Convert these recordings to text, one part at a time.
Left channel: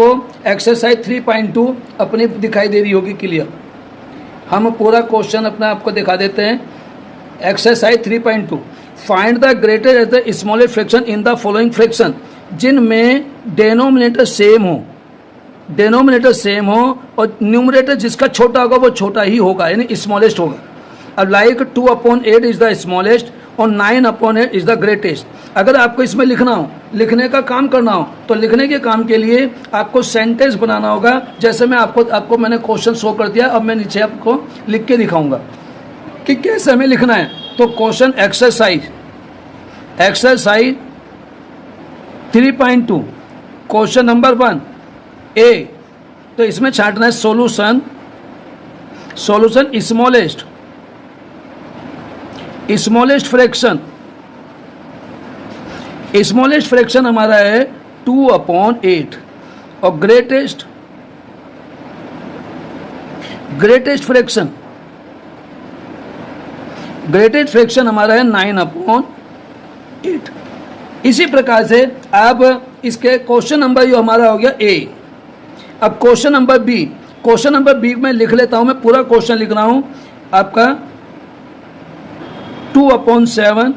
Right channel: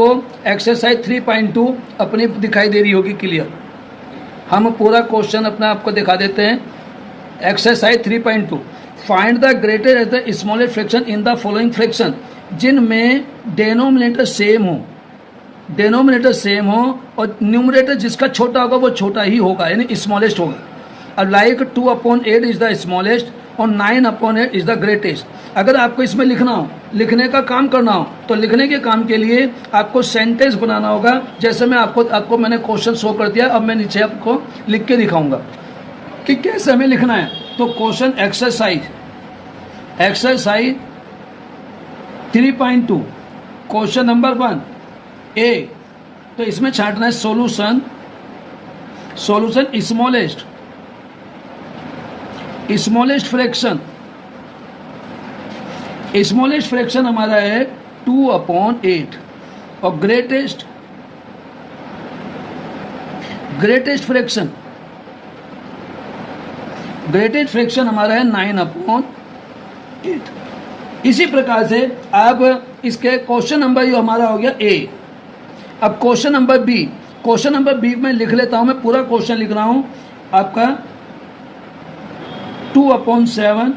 आपको एक्सरसाइज 3.2 अपनी दिखाई दे रही होगी क्लियर। हम पूरा क्वेश्चन अपना आपको दिखा देते हैं। Exercise 3.2, find the greatest and the smallest fraction in the following fraction, जिनमें डेनोमिनेटर सेम हो और न्यूमरेटर जिसका छोटा होगा वो छोटा ही होगा, यानी स्मॉलेस्ट होगा। अब लाइक 2/8 इज द स्मॉलेस्ट और 9/8 इज द ग्रेटेस्ट। अगर आपको इसमें लिखना हो, लिखने का काम करना हो, तो लिखने के काम के लिए आपको सेंटेंस बनाना होगा। जैसे मैं आपको मैंने क्वेश्चन शो कर दिया, अब मैं नीचे आपको लिख के दिखाऊंगा कि कैसे हमें लिखना है। तो क्वेश्चन एक्सरसाइज 3.2 क्वेश्चन नंबर 1 ए, तो इसमें छांटना है सॉल्यूशन स्मॉलेस्ट फ्रैक्शन हमारा है 2/8 और ग्रेटेस्ट फ्रैक्शन हमारा है 9/8। इसी प्रकार से अब इसके क्वेश्चन नंबर जो हमारा हो गया ए। अब क्वेश्चन नंबर बी में लिख लेता हूं, मैं पूरा क्वेश्चन लिख रहा हूं आपका 2/7,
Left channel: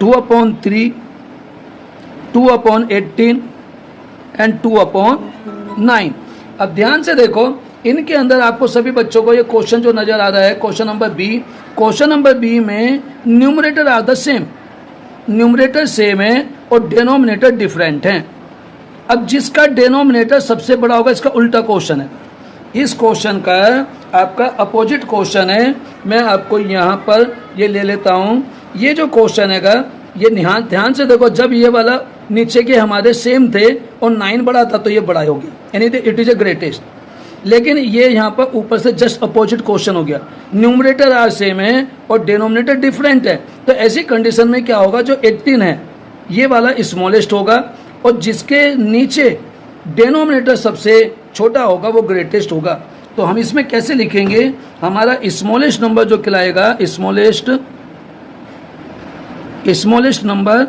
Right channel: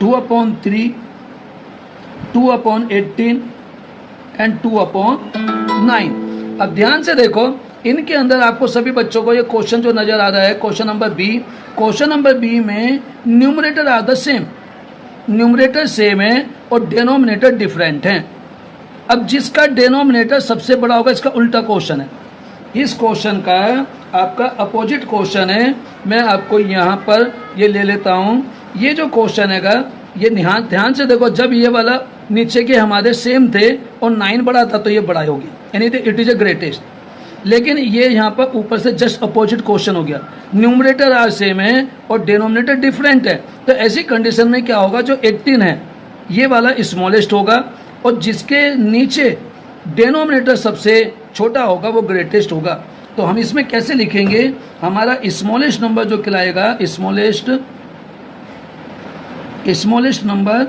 2/3, 2/18 एंड 2/9। अब ध्यान से देखो, इनके अंदर आपको सभी बच्चों को ये क्वेश्चन जो नजर आ रहा है क्वेश्चन नंबर बी में numerator are the same, numerator same है और डेनोमिनेटर डिफरेंट है। अब जिसका डेनोमिनेटर सबसे बड़ा होगा, इसका उल्टा क्वेश्चन है। इस क्वेश्चन का आपका अपोजिट क्वेश्चन है। मैं आपको यहाँ पर ये ले लेता हूँ। ये जो क्वेश्चन है ये ध्यान से देखो, जब ये वाला नीचे के हमारे सेम थे और 9 बड़ा था तो ये बड़ा हो गया, यानी इट इज ए ग्रेटेस्ट। लेकिन ये यहाँ पर ऊपर से जस्ट अपोजिट क्वेश्चन हो गया, न्यूमरेटर आर सेम है और डिनोमिनेटर डिफरेंट है। तो ऐसी कंडीशन में क्या होगा, जो 18 है ये वाला स्मॉलेस्ट होगा और जिसके नीचे डिनोमिनेटर सबसे छोटा होगा वो ग्रेटेस्ट होगा। तो हम इसमें कैसे लिखेंगे, हमारा स्मॉलेस्ट नंबर जो कहलाएगा, स्मॉलेस्ट नंबर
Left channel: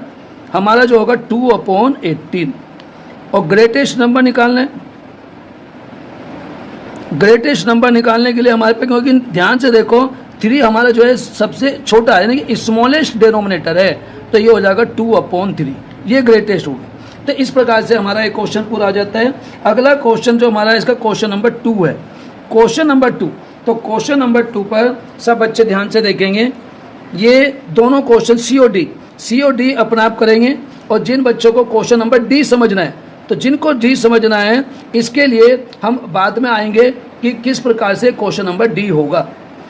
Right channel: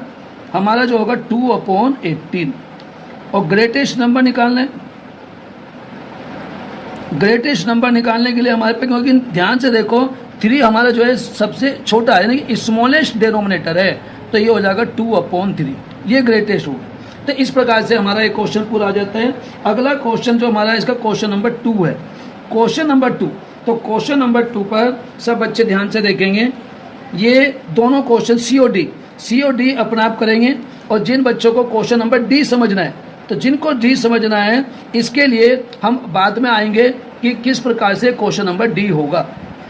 हमारा जो होगा 2/18 और ग्रेटेस्ट नंबर निकालने के लिए हमारे पे, क्योंकि ध्यान से देखो 3 हमारा जो है सबसे छोटा है, यानी कि स्मॉलेस्ट डिनोमिनेटर है, तो ये हो जाएगा 2/3, ये ग्रेटेस्ट होगा। तो इस प्रकार से हमारा एक क्वेश्चन पूरा हो जाता है। अगला क्वेश्चन जो हमारा इसका क्वेश्चन नंबर 2 है, क्वेश्चन नंबर 2। तो क्वेश्चन नंबर 2 पर सब बच्चे ध्यान से देखेंगे। ये दोनों क्वेश्चन COD अपने आप करेंगे और जिन बच्चों को क्वेश्चन नंबर डी समझना है, तो जिनको डी समझना है इसके लिए हम बाद में आएंगे कि किस प्रकार से क्वेश्चन नंबर डी होगा।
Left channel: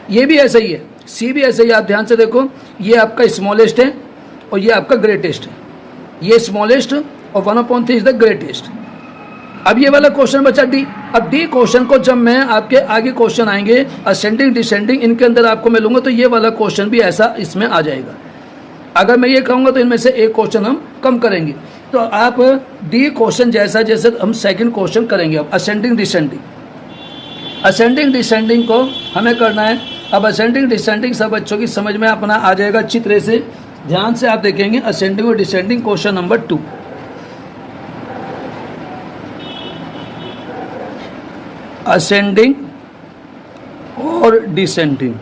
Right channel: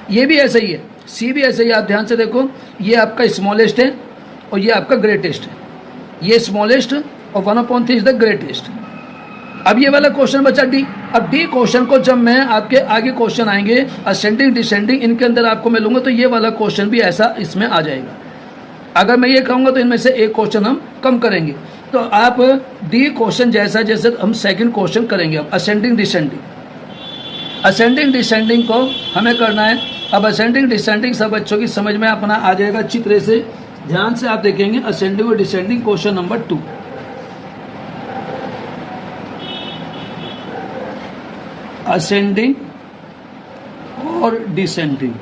ये भी ऐसा ही है, सी भी ऐसे ही। आप ध्यान से देखो, ये आपका स्मॉलेस्ट है और ये आपका ग्रेटेस्ट है, ये स्मॉलेस्ट और 1/3 इज द ग्रेटेस्ट। अब ये वाला क्वेश्चन बचा डी। अब डी क्वेश्चन को जब मैं आपके आगे क्वेश्चन आएंगे असेंडिंग डिसेंडिंग, इनके अंदर आपको मैं लूंगा, तो ये वाला क्वेश्चन भी ऐसा इसमें आ जाएगा। अगर मैं ये कहूंगा तो इनमें से एक क्वेश्चन हम कम करेंगे। तो आप डी क्वेश्चन जैसे हम सेकंड क्वेश्चन करेंगे। अब असेंडिंग डिसेंडिंग को हमें करना है। अब असेंडिंग डिसेंडिंग सब बच्चों की समझ में अपना आ जाएगा अच्छी तरह से। ध्यान से आप देखेंगे असेंडिंग और डिसेंडिंग क्वेश्चन नंबर 2। असेंडिंग और डिसेंडिंग,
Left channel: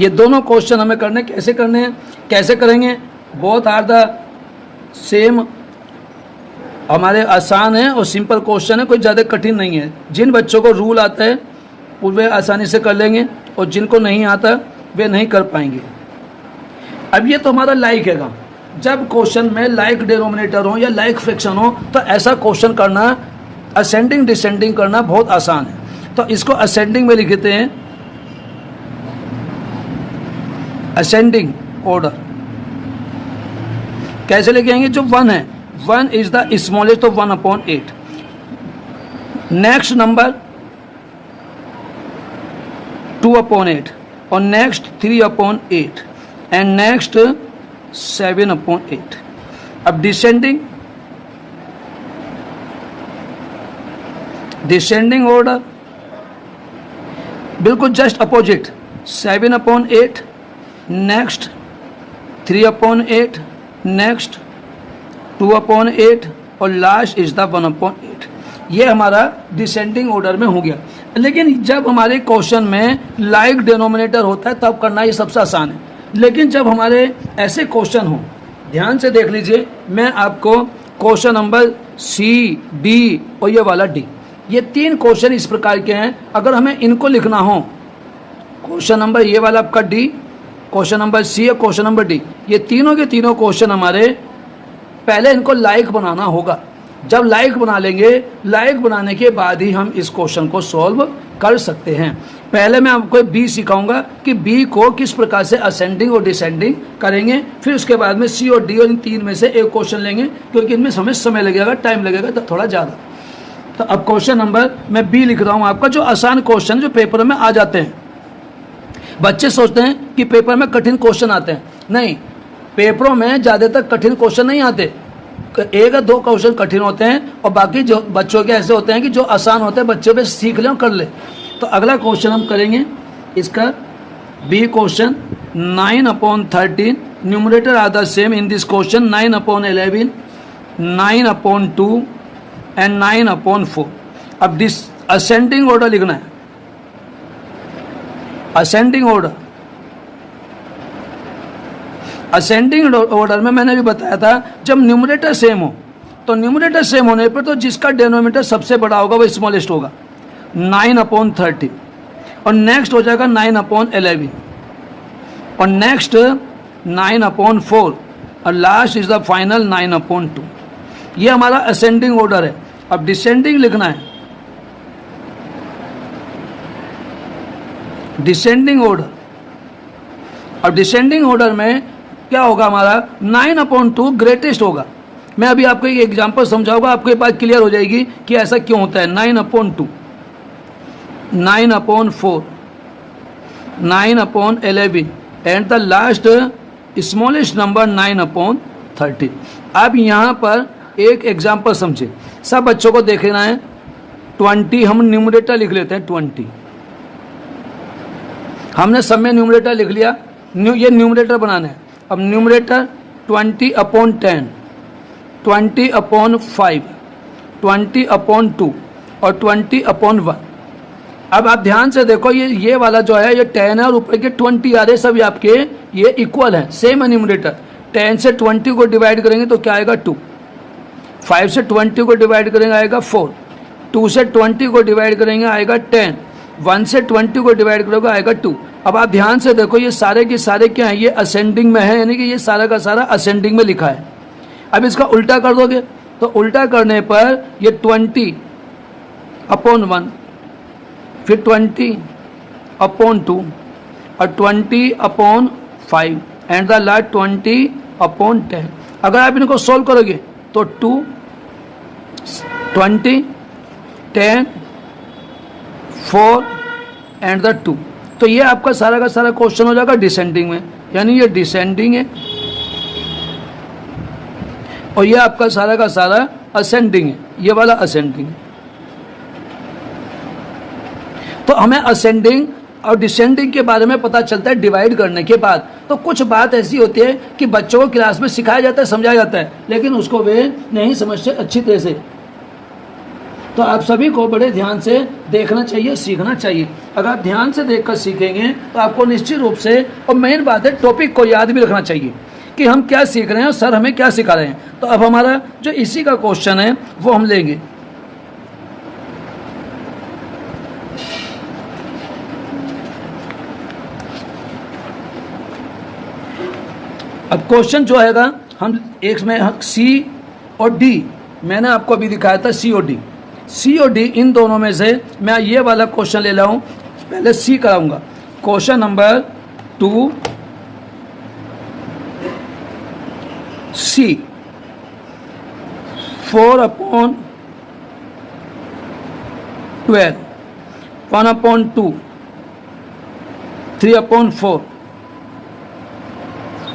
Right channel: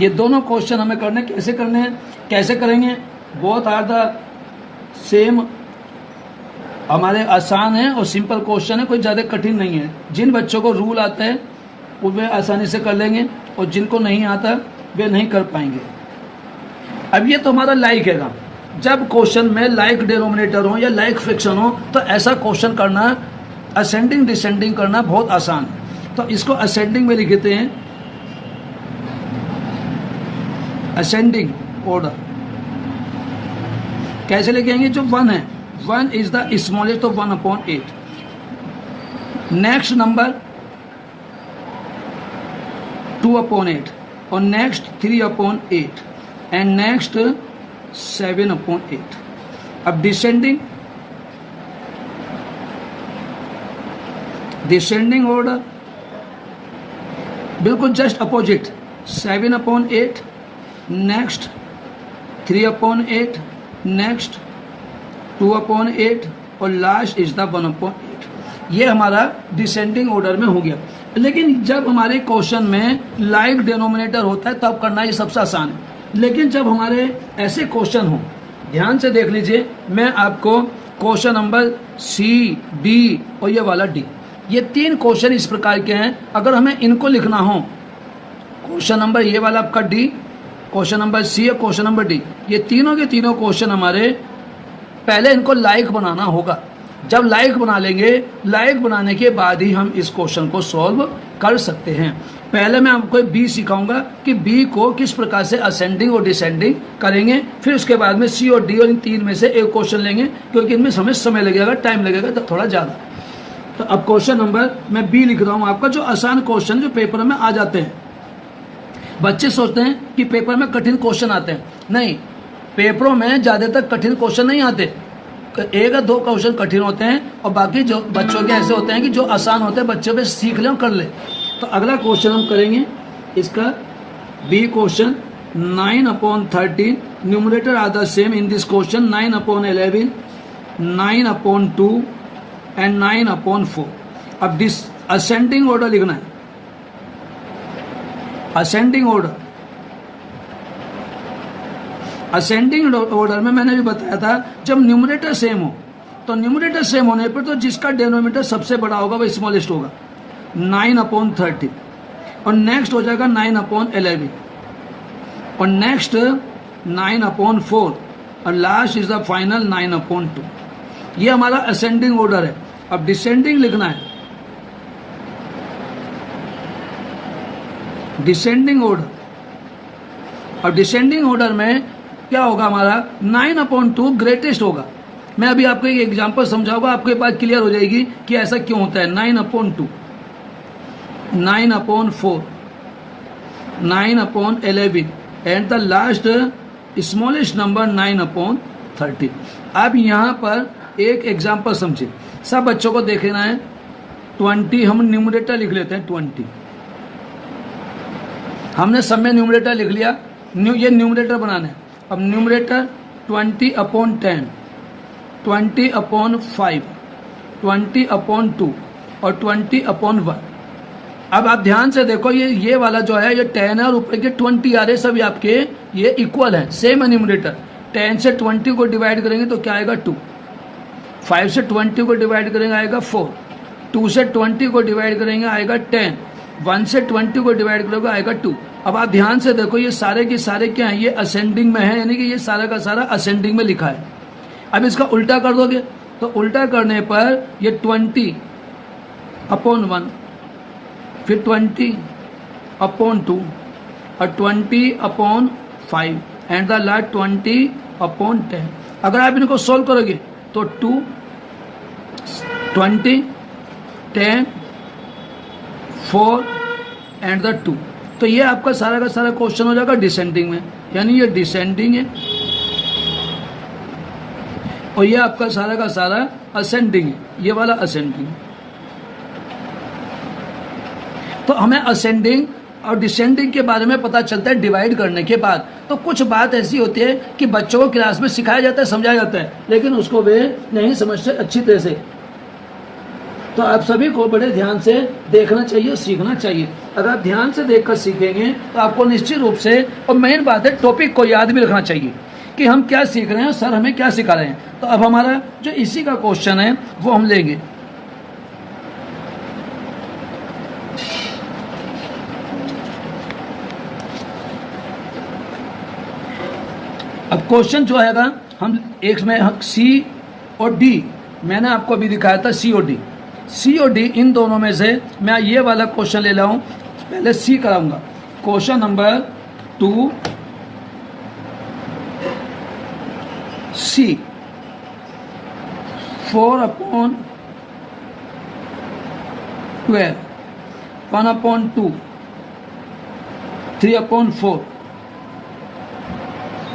ये दोनों क्वेश्चन हमें करने कैसे करेंगे, बोथ आर द सेम, हमारे आसान है और सिंपल क्वेश्चन है, कोई ज़्यादा कठिन नहीं है। जिन बच्चों को रूल आता है वे आसानी से कर लेंगे और जिनको नहीं आता वे नहीं कर पाएंगे। अब ये तो हमारा लाइक है। जब क्वेश्चन में लाइक डिनोमिनेटर हो या लाइक फ्रैक्शन हो तो ऐसा क्वेश्चन करना, असेंडिंग डिसेंडिंग करना बहुत आसान है। तो इसको असेंडिंग में लिखते हैं, असेंडिंग ऑर्डर। कैसे लिखेंगे, जो 1 है, 1 इज द स्मॉलेस्ट, तो 1/8। नेक्स्ट नंबर 2/8 और नेक्स्ट 3/8 एंड नेक्स्ट 7/8। अब डिसेंडिंग ऑर्डर बिल्कुल जस्ट अपोजिट, 7/8 नेक्स्ट 3/8 नेक्स्ट 2/8 और लास्ट इज द 1/8। ये हमारा डिसेंडिंग ऑर्डर में हो गया। लेकिन जब हमारे क्वेश्चन में लाइक डिनोमिनेटर होता है तब करना ये सबसे आसान है। लेकिन जब हमारे ऐसे क्वेश्चन हो, ध्यान से देख लीजिए, मैं आपको क्वेश्चन नंबर सी, डी और ये वाला डी, ये 3 क्वेश्चन इस प्रकार के हैं। अगर हमें इनको लिखना हो, क्वेश्चन नंबर ये वाला आपका डी, क्वेश्चन नंबर सी और क्वेश्चन नंबर डी, ये तीनों के तीनों क्वेश्चन हमारे पहले इनको लाइक बनाना होगा। जब लाइक बना लेंगे, लाइक बनाने के बाद ही हम इस क्वेश्चन को सॉल्व कर सकते हैं। पहले मैं आपको बी सिखाऊंगा कि बी को किस प्रकार से असेंडिंग और डिसेंडिंग करेंगे, फिर उसके बाद में सी और डी और इन 3 में से एक क्वेश्चन लेंगे, क्योंकि इनमें समय लगेगा, टाइम लगेगा तो थोड़ा ज़्यादा। तो अब क्वेश्चन नंबर मैं बी लिख रहा हूँ आपका, जो आसान क्वेश्चन जो पेपर में आ जाते हैं। बच्चे सोचते हैं कि पेपर में कठिन क्वेश्चन आते हैं, नहीं, पेपरों में ज़्यादातर कठिन क्वेश्चन नहीं आते, 1 या 2 क्वेश्चन कठिन होते हैं और बाकी जो बच्चों के ऐसे होते हैं कि जो आसान होते हैं बच्चे पे सीख लें और कर ले। तो अगला क्वेश्चन हम करेंगे इसका B question 9/13, numerator are the same in this question 9/11, 9/2 and 9/4। अब दिस असेंडिंग ऑर्डर लिखना है, असेंडिंग ऑर्डर। असेंडिंग ऑर्डर में मैंने भी बताया था, जब न्यूमरेटर सेम हो, तो न्यूमरेटर सेम होने पर तो जिसका डिनोमिनेटर सबसे बड़ा होगा वो स्मॉलेस्ट होगा, 9/13, और नेक्स्ट हो जाएगा 9/11, और नेक्स्ट 9/4, और लास्ट इज द फाइनल 9/2। ये हमारा असेंडिंग ऑर्डर है। अब डिसेंडिंग लिखना है, डिसेंडिंग ऑर्डर। अब डिसेंडिंग ऑर्डर में क्या होगा, हमारा 9/2 ग्रेटेस्ट होगा। मैं अभी आपको एक एग्जांपल समझाऊंगा, आपको ये बात क्लियर हो जाएगी कि ऐसा क्यों होता है। 9/2, 9/4, 9/11 and the last smallest number 9/30। अब यहाँ पर एक एग्जांपल समझे, सब बच्चों को देखना है। 20 हम न्यूमरेटर लिख लेते हैं, 20 हमने सब में न्यूमरेटर लिख लिया, ये न्यूमरेटर बनाना है। अब न्यूमरेटर 20/10, 20/5, 20/2 और 20/1। अब आप ध्यान से देखो, ये वाला जो है ये 10 है और ऊपर के 20 आ रहे, सब आपके ये इक्वल है, सेम है न्यूमरेटर। 10 से 20 को डिवाइड करेंगे तो क्या आएगा 2, 5 से 20 को डिवाइड करेंगे आएगा 4, 2 से 20 को डिवाइड करेंगे आएगा 10, 1 से 20 को डिवाइड करोगे आएगा 2। अब आप ध्यान से देखो, ये सारे के सारे क्या हैं, ये असेंडिंग में है, यानी कि ये सारा का सारा असेंडिंग में लिखा है। अब इसका उल्टा कर दोगे तो उल्टा करने पर ये 20/1, फिर 20/2 और 20/5 एंड द लास्ट 20/10। अगर आप इनको सोल्व करोगे तो 2, 20, 10, 4 एंड द 2। तो ये आपका सारा का सारा क्वेश्चन हो जाएगा डिसेंडिंग में, यानी ये डिसेंडिंग है और ये आपका सारा का सारा असेंडिंग है, ये वाला असेंडिंग है। तो हमें असेंडिंग और डिसेंडिंग के बारे में पता चलता है डिवाइड करने के बाद। तो कुछ बात ऐसी होती है कि बच्चों को क्लास में सिखाया जाता है, समझाया जाता है, लेकिन उसको वे नहीं समझते अच्छी तरह से। तो आप सभी को बड़े ध्यान से देखना चाहिए, सीखना चाहिए। अगर आप ध्यान से देखकर सीखेंगे तो आपको निश्चित रूप से, और मेन बात है टॉपिक को याद भी रखना चाहिए कि हम क्या सीख रहे हैं और सर हमें क्या सिखा रहे हैं। तो अब हमारा जो इसी का क्वेश्चन है वो हम लेंगे। अब क्वेश्चन जो हैगा, हम एक में सी और डी, मैंने आपको अभी दिखाया था सी और डी। सी और डी इन दोनों में से मैं ये वाला क्वेश्चन ले रहा हूं, पहले सी कराऊंगा। क्वेश्चन नंबर 2 सी, 4/12, 1/2, 3/4,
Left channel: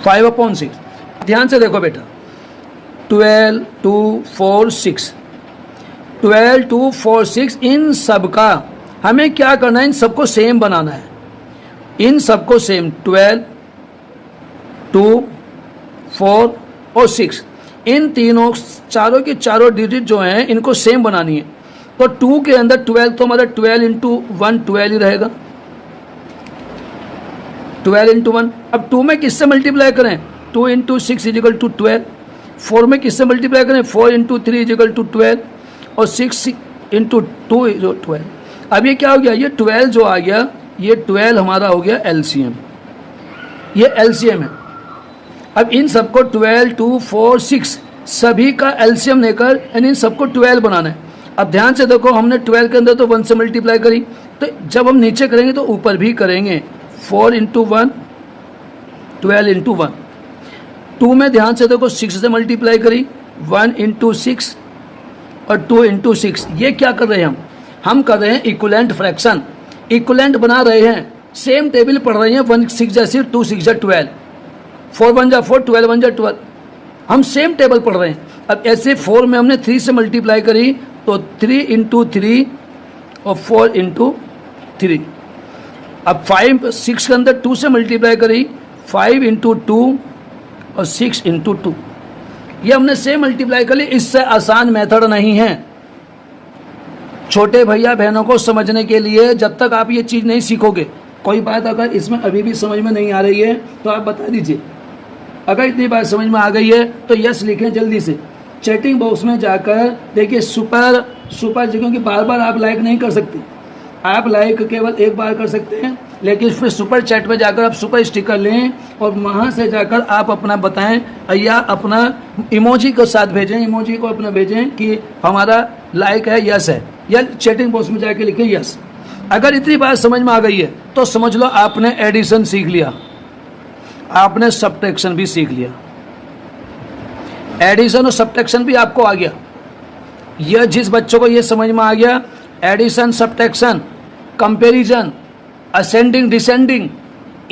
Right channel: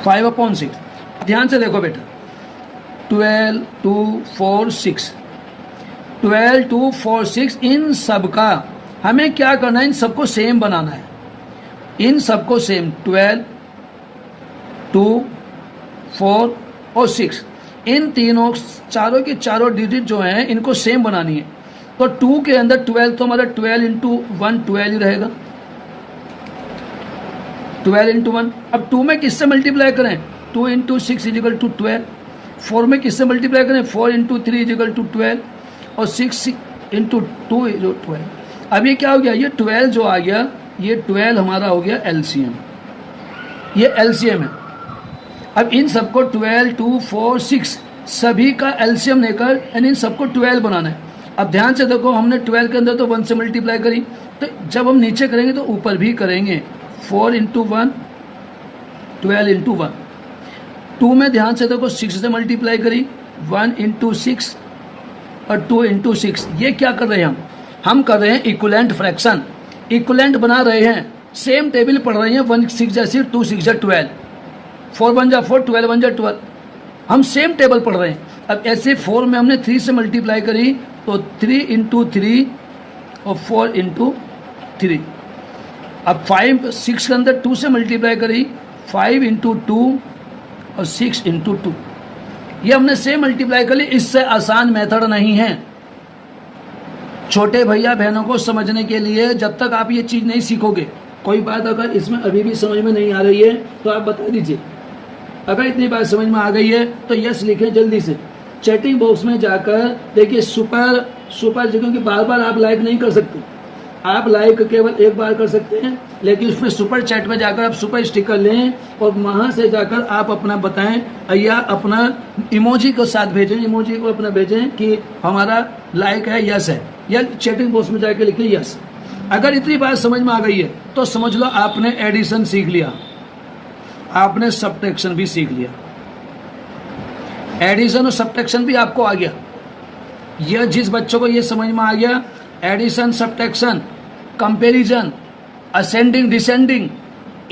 5/6। ध्यान से देखो बेटा, 12, 2, 4, 6, 12, 2, 4, 6, इन सब का हमें क्या करना है, इन सबको सेम बनाना है। इन सबको सेम 12, 2, 4 और 6, इन तीनों चारों की चारों डिजिट जो हैं इनको सेम बनानी है। तो 2 के अंदर 12 तो हमारा 12 इंटू 1 12 ही रहेगा, 12 इंटू 1। अब 2 में किससे मल्टीप्लाई करें, 2 इंटू 6 इजिकल टू 12। 4 में किससे मल्टीप्लाई करें, 4 इंटू 3 इजिकल टू 12 और 6 इंटू 2 जो 12। अब ये क्या हो गया, ये 12 जो आ गया, ये 12 हमारा हो गया एलसीएम, ये एलसीएम है। अब इन सबको 12 2 4 6 सभी का एलसीएम लेकर यानी इन सबको 12 बनाना है। अब ध्यान से देखो, हमने 12 के अंदर तो 1 से मल्टीप्लाई करी, तो जब हम नीचे करेंगे तो ऊपर भी करेंगे। 4 इंटू 1 12 इंटू 1। 2 में ध्यान से देखो 6 से मल्टीप्लाई करी, 1 इंटू 6 और 2 इंटू 6। ये क्या कर रहे हैं हम कर रहे हैं इक्विवेलेंट फ्रैक्शन, इक्विवेलेंट बना रहे हैं, सेम टेबल पढ़ रहे हैं। 1 6 जा 6, 2 6 जा 12, 4 1 जा 4, 12 1 जा 12, हम सेम टेबल पढ़ रहे हैं। अब ऐसे 4 में हमने 3 से मल्टीप्लाई करी तो 3 इंटू 3 और 4 इंटू 3। अब 5 6 के अंदर 2 से मल्टीप्लाई करी, 5 इंटू 2 और 6 इंटू 2। ये हमने सेम मल्टीप्लाई कर ली, इससे आसान मेथड नहीं है। छोटे भैया बहनों को समझने के लिए जब तक आप ये चीज़ नहीं सीखोगे, कोई बात अगर इसमें अभी भी समझ में नहीं आ रही है तो आप बता दीजिए। अगर इतनी बात समझ में आ गई है तो यस लिखें जल्दी से। चैटिंग बॉक्स में जाकर देखिए सुपर क्योंकि बार बार आप लाइक नहीं कर सकते, आप लाइक केवल एक बार कर सकते हैं, लेकिन फिर सुपर चैट में जाकर आप सुपर स्टिकर लें और वहाँ से जाकर आप अपना बताएं या अपना इमोजी के साथ भेजें, इमोजी को अपना भेजें कि हमारा लाइक है, यस है, या चैटिंग बॉक्स में जाकर लिखें यस। अगर इतनी बात समझ में आ गई है तो समझ लो आपने एडिशन सीख लिया, आपने सब्ट्रैक्शन भी सीख लिया। एडिशन और सब्ट्रैक्शन भी आपको आ गया। यह जिस बच्चों को यह समझ में आ गया, addition subtraction comparison ascending descending,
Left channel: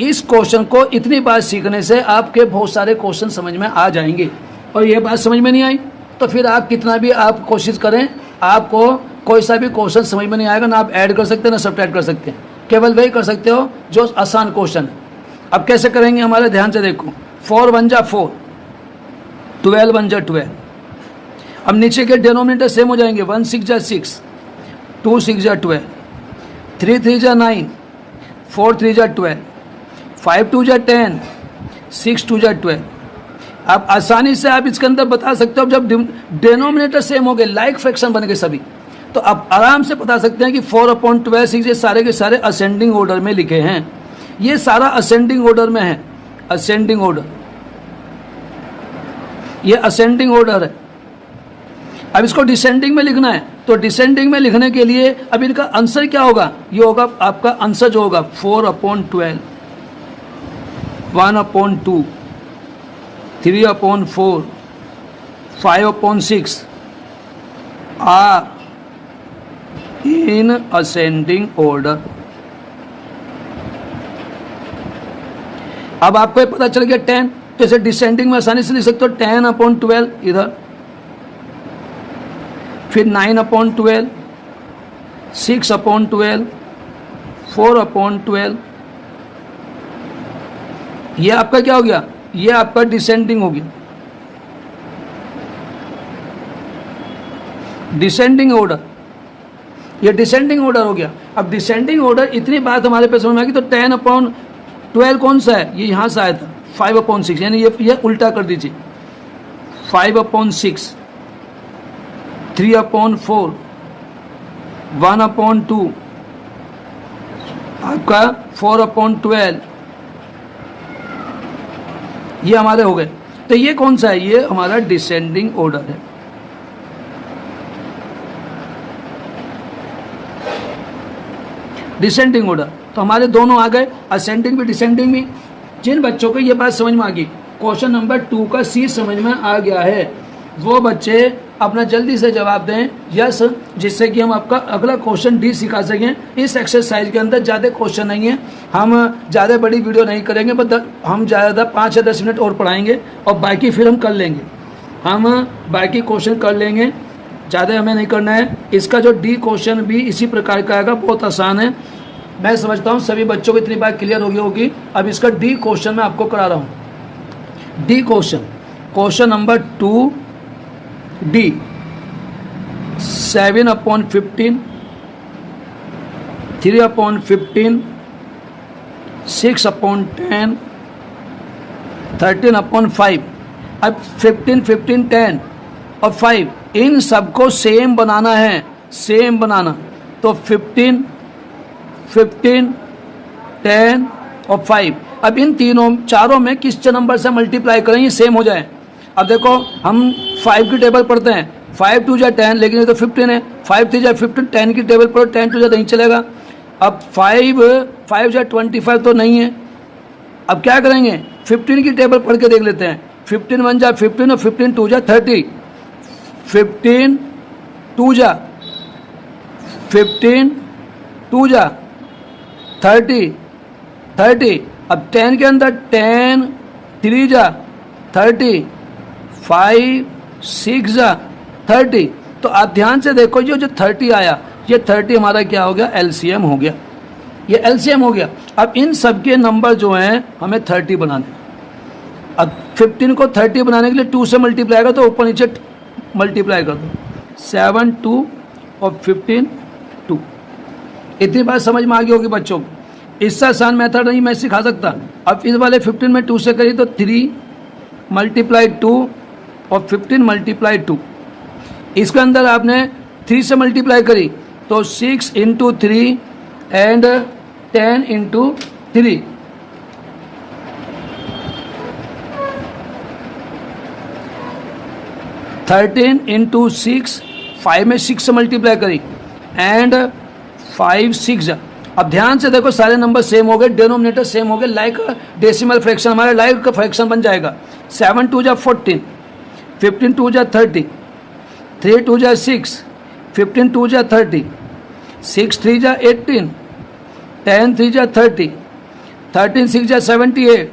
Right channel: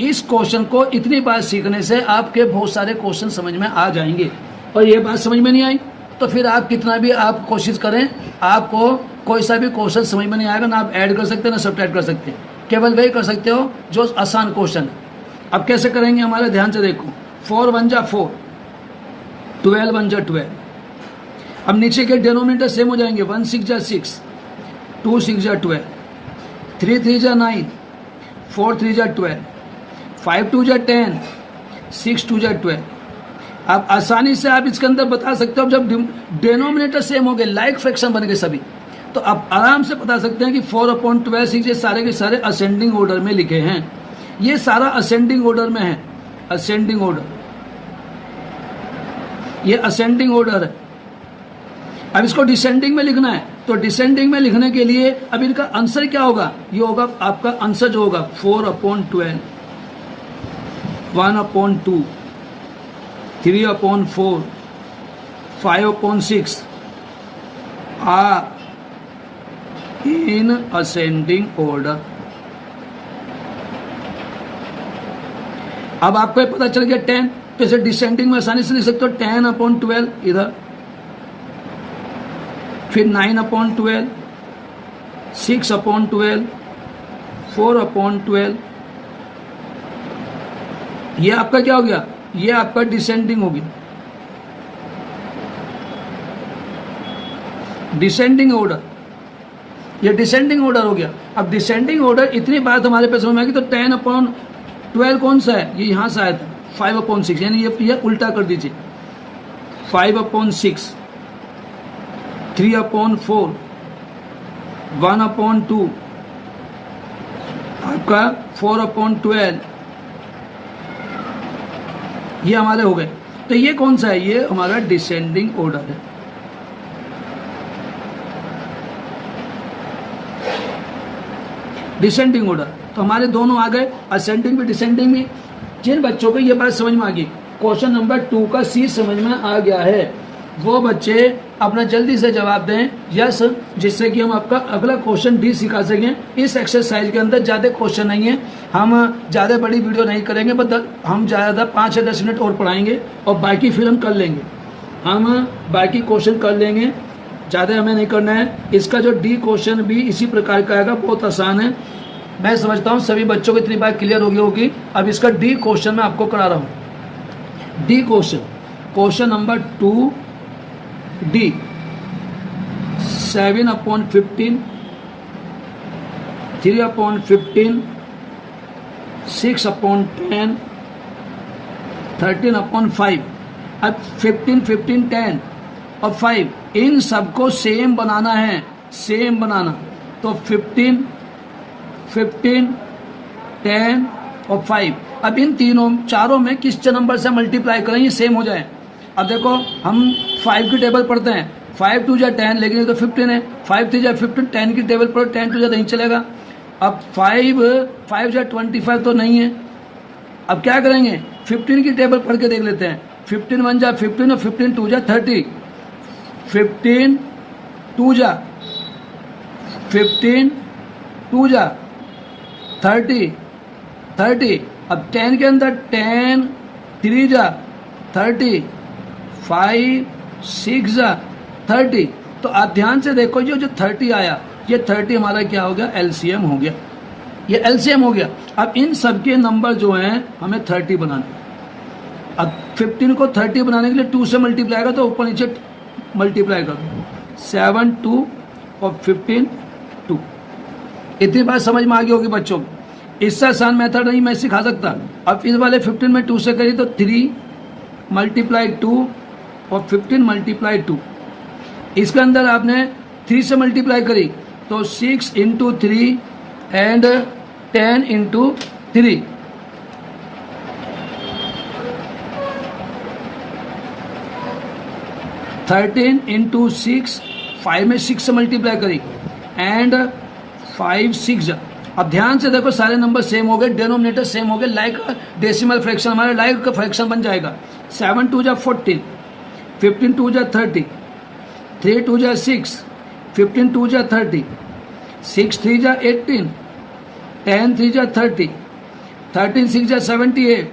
इस क्वेश्चन को इतनी बार सीखने से आपके बहुत सारे क्वेश्चन समझ में आ जाएंगे। और ये बात समझ में नहीं आई तो फिर आप कितना भी आप कोशिश करें, आपको कोई सा भी क्वेश्चन समझ में नहीं आएगा, ना आप ऐड कर सकते हैं ना सब्ट्रैक्ट कर सकते हैं, केवल वही कर सकते हो जो आसान क्वेश्चन है। अब कैसे करेंगे हमारे ध्यान से देखो, 4 1 जा 4, 12 1 जा 12। अब नीचे के डिनोमिनेटर सेम हो जाएंगे, 1 6 जा 6, 2 6 जा 12, 3 3 जा 9, 4 3 जा 12, 5 2 जा 10, 6 2 जा 12। आप आसानी से आप इसके अंदर बता सकते हो, जब डिनोमिनेटर सेम हो गए, लाइक फ्रैक्शन बन गए सभी, तो आप आराम से बता सकते हैं कि 4/12 6 ये सारे के सारे असेंडिंग ऑर्डर में लिखे हैं। ये सारा असेंडिंग ऑर्डर में है, असेंडिंग ऑर्डर, ये असेंडिंग ऑर्डर है। अब इसको डिसेंडिंग में लिखना है, तो डिसेंडिंग में लिखने के लिए अब इनका आंसर क्या होगा, ये होगा आपका आंसर जो होगा 4/12, 1/2, 3/4, 5/6 are in ascending order। अब आपको पता चल गया 10, तो इसे डिसेंडिंग में आसानी से लिख सकते हो 10/12 इधर, फिर 9/12, 6/12, 4/12। ये आपका क्या हो गया, ये आपका डिसेंडिंग होगी, डिसेंडिंग ऑर्डर, ये डिसेंडिंग ऑर्डर हो गया। अब डिसेंडिंग ऑर्डर इतनी बात हमारे पे समझ में आ गई, तो 10/12 कौन सा है, ये यहां से आया था 5/6, यानी ये उल्टा कर दीजिए, 5/6, 3/4, 1/2, आपका 4/12, ये हमारे हो गए। तो ये कौन सा है, ये हमारा डिसेंडिंग ऑर्डर है। डिसेंडिंग ऑर्डर, तो हमारे दोनों आ गए, असेंडिंग भी डिसेंडिंग भी। जिन बच्चों को ये बात समझ में आ गई, क्वेश्चन नंबर 2 का सी समझ में आ गया है, वो बच्चे अपना जल्दी से जवाब दें यस, जिससे कि हम आपका अगला क्वेश्चन डी सिखा सकें। इस एक्सरसाइज के अंदर ज़्यादा क्वेश्चन नहीं है, हम ज़्यादा बड़ी वीडियो नहीं करेंगे, बस हम ज़्यादा 5 या 10 मिनट और पढ़ाएंगे और बाकी फिर हम कर लेंगे, हम बाकी क्वेश्चन कर लेंगे, ज़्यादा हमें नहीं करना है। इसका जो डी क्वेश्चन भी इसी प्रकार का आएगा, बहुत आसान है। मैं समझता हूँ सभी बच्चों को इतनी बात क्लियर हो गई होगी। अब इसका डी क्वेश्चन मैं आपको करा रहा हूँ। D question question number 2D 7/15, 3/15, 6/10, 13/5। अब 15, 15, 10 और 5 इन सबको सेम बनाना है, सेम बनाना। तो 15, 15, 10 और 5। अब इन चारों में किस नंबर से मल्टीप्लाई करें ये सेम हो जाए। अब देखो हम 5 की टेबल पढ़ते हैं, 5 2 जा 10, लेकिन ये तो 15 है। 5 3 जा 15, 10 की टेबल पढ़ो, 10 2 जा नहीं चलेगा। अब 5 जा 25 तो नहीं है। अब क्या करेंगे, 15 की टेबल पढ़ के देख लेते हैं। 15 1 जा 15 और 15 2 जा 30। 15 2 जा 15, 2 जा 30, 30। अब 10 के अंदर 10 3 जा 30, 5 6 जा 30। तो आप ध्यान से देखो, जो 30 आया, ये 30 हमारा क्या हो गया, एलसीएम हो गया। ये एलसीएम हो गया। अब इन सब के नंबर जो हैं हमें 30 बनाने। अब 15 को 30 बनाने के लिए 2 से मल्टीप्लाई कर, तो ऊपर नीचे मल्टीप्लाई कर दो। 7 2 और 15 2। इतनी बात समझ में आ गई होगी बच्चों को। इससे आसान मेथड नहीं मैं सिखा सकता। अब इस वाले 15 में 2 से करी तो 3 मल्टीप्लाई 2 और 15 मल्टीप्लाई 2। इसके अंदर आपने 3 से मल्टीप्लाई करी तो 6 इंटू 3 एंड 10 इंटू 3। 13 इंटू 6, 5 में 6 से मल्टीप्लाई करी एंड 5 6 जा। अब ध्यान से देखो, सारे नंबर सेम हो गए, डिनोमिनेटर सेम हो गए, लाइक डेसिमल फ्रैक्शन हमारे लाइक का फ्रैक्शन बन जाएगा। 7 2 जा 14, 15 2 जा 30, 3 2 जा 6, 15 2 जा 30, 6 3 जा 18, 10 3 जा 30, 13 6 जा 78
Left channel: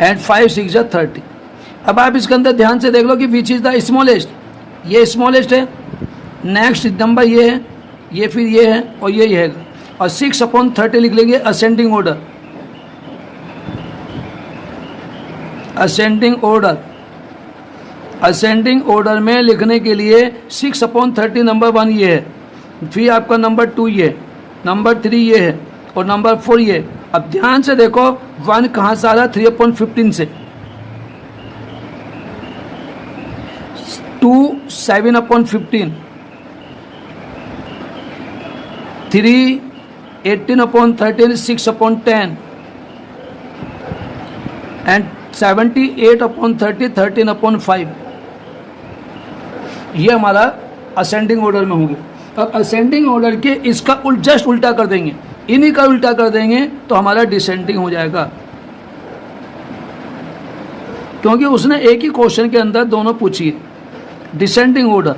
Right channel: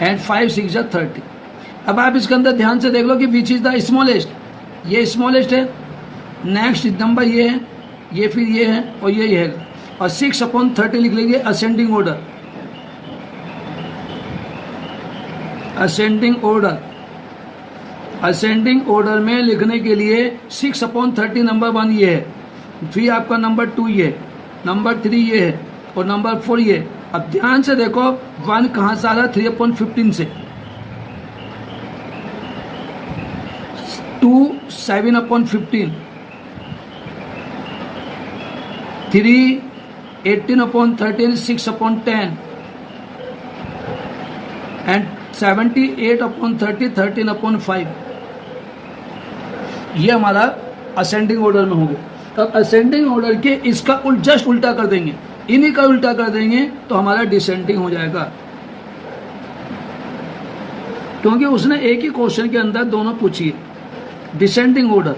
एंड 5 6 जा 30। अब आप इसके अंदर ध्यान से देख लो कि विच इज द स्मॉलेस्ट। ये स्मॉलेस्ट है, नेक्स्ट नंबर ये है, ये फिर ये है और ये है। और 6/30 लिख लेंगे ascending order. Ascending order, ascending order में लिखने के लिए 6/30 नंबर 1 ये है, फिर आपका नंबर 2 ये, नंबर 3 ये है और नंबर 4 ये। अब ध्यान से देखो 1 कहां से आ रहा है, 3/15 से। 2 7/15, 3 18/13, 6/10 एंड 78/30, 13/5। ये हमारा असेंडिंग ऑर्डर में होंगे। तो असेंडिंग ऑर्डर के इसका जस्ट उल्टा कर देंगे, इन्हीं का उल्टा कर देंगे तो हमारा डिसेंडिंग हो जाएगा, क्योंकि उसने एक ही क्वेश्चन के अंदर दोनों पूछी है। डिसेंडिंग ऑर्डर,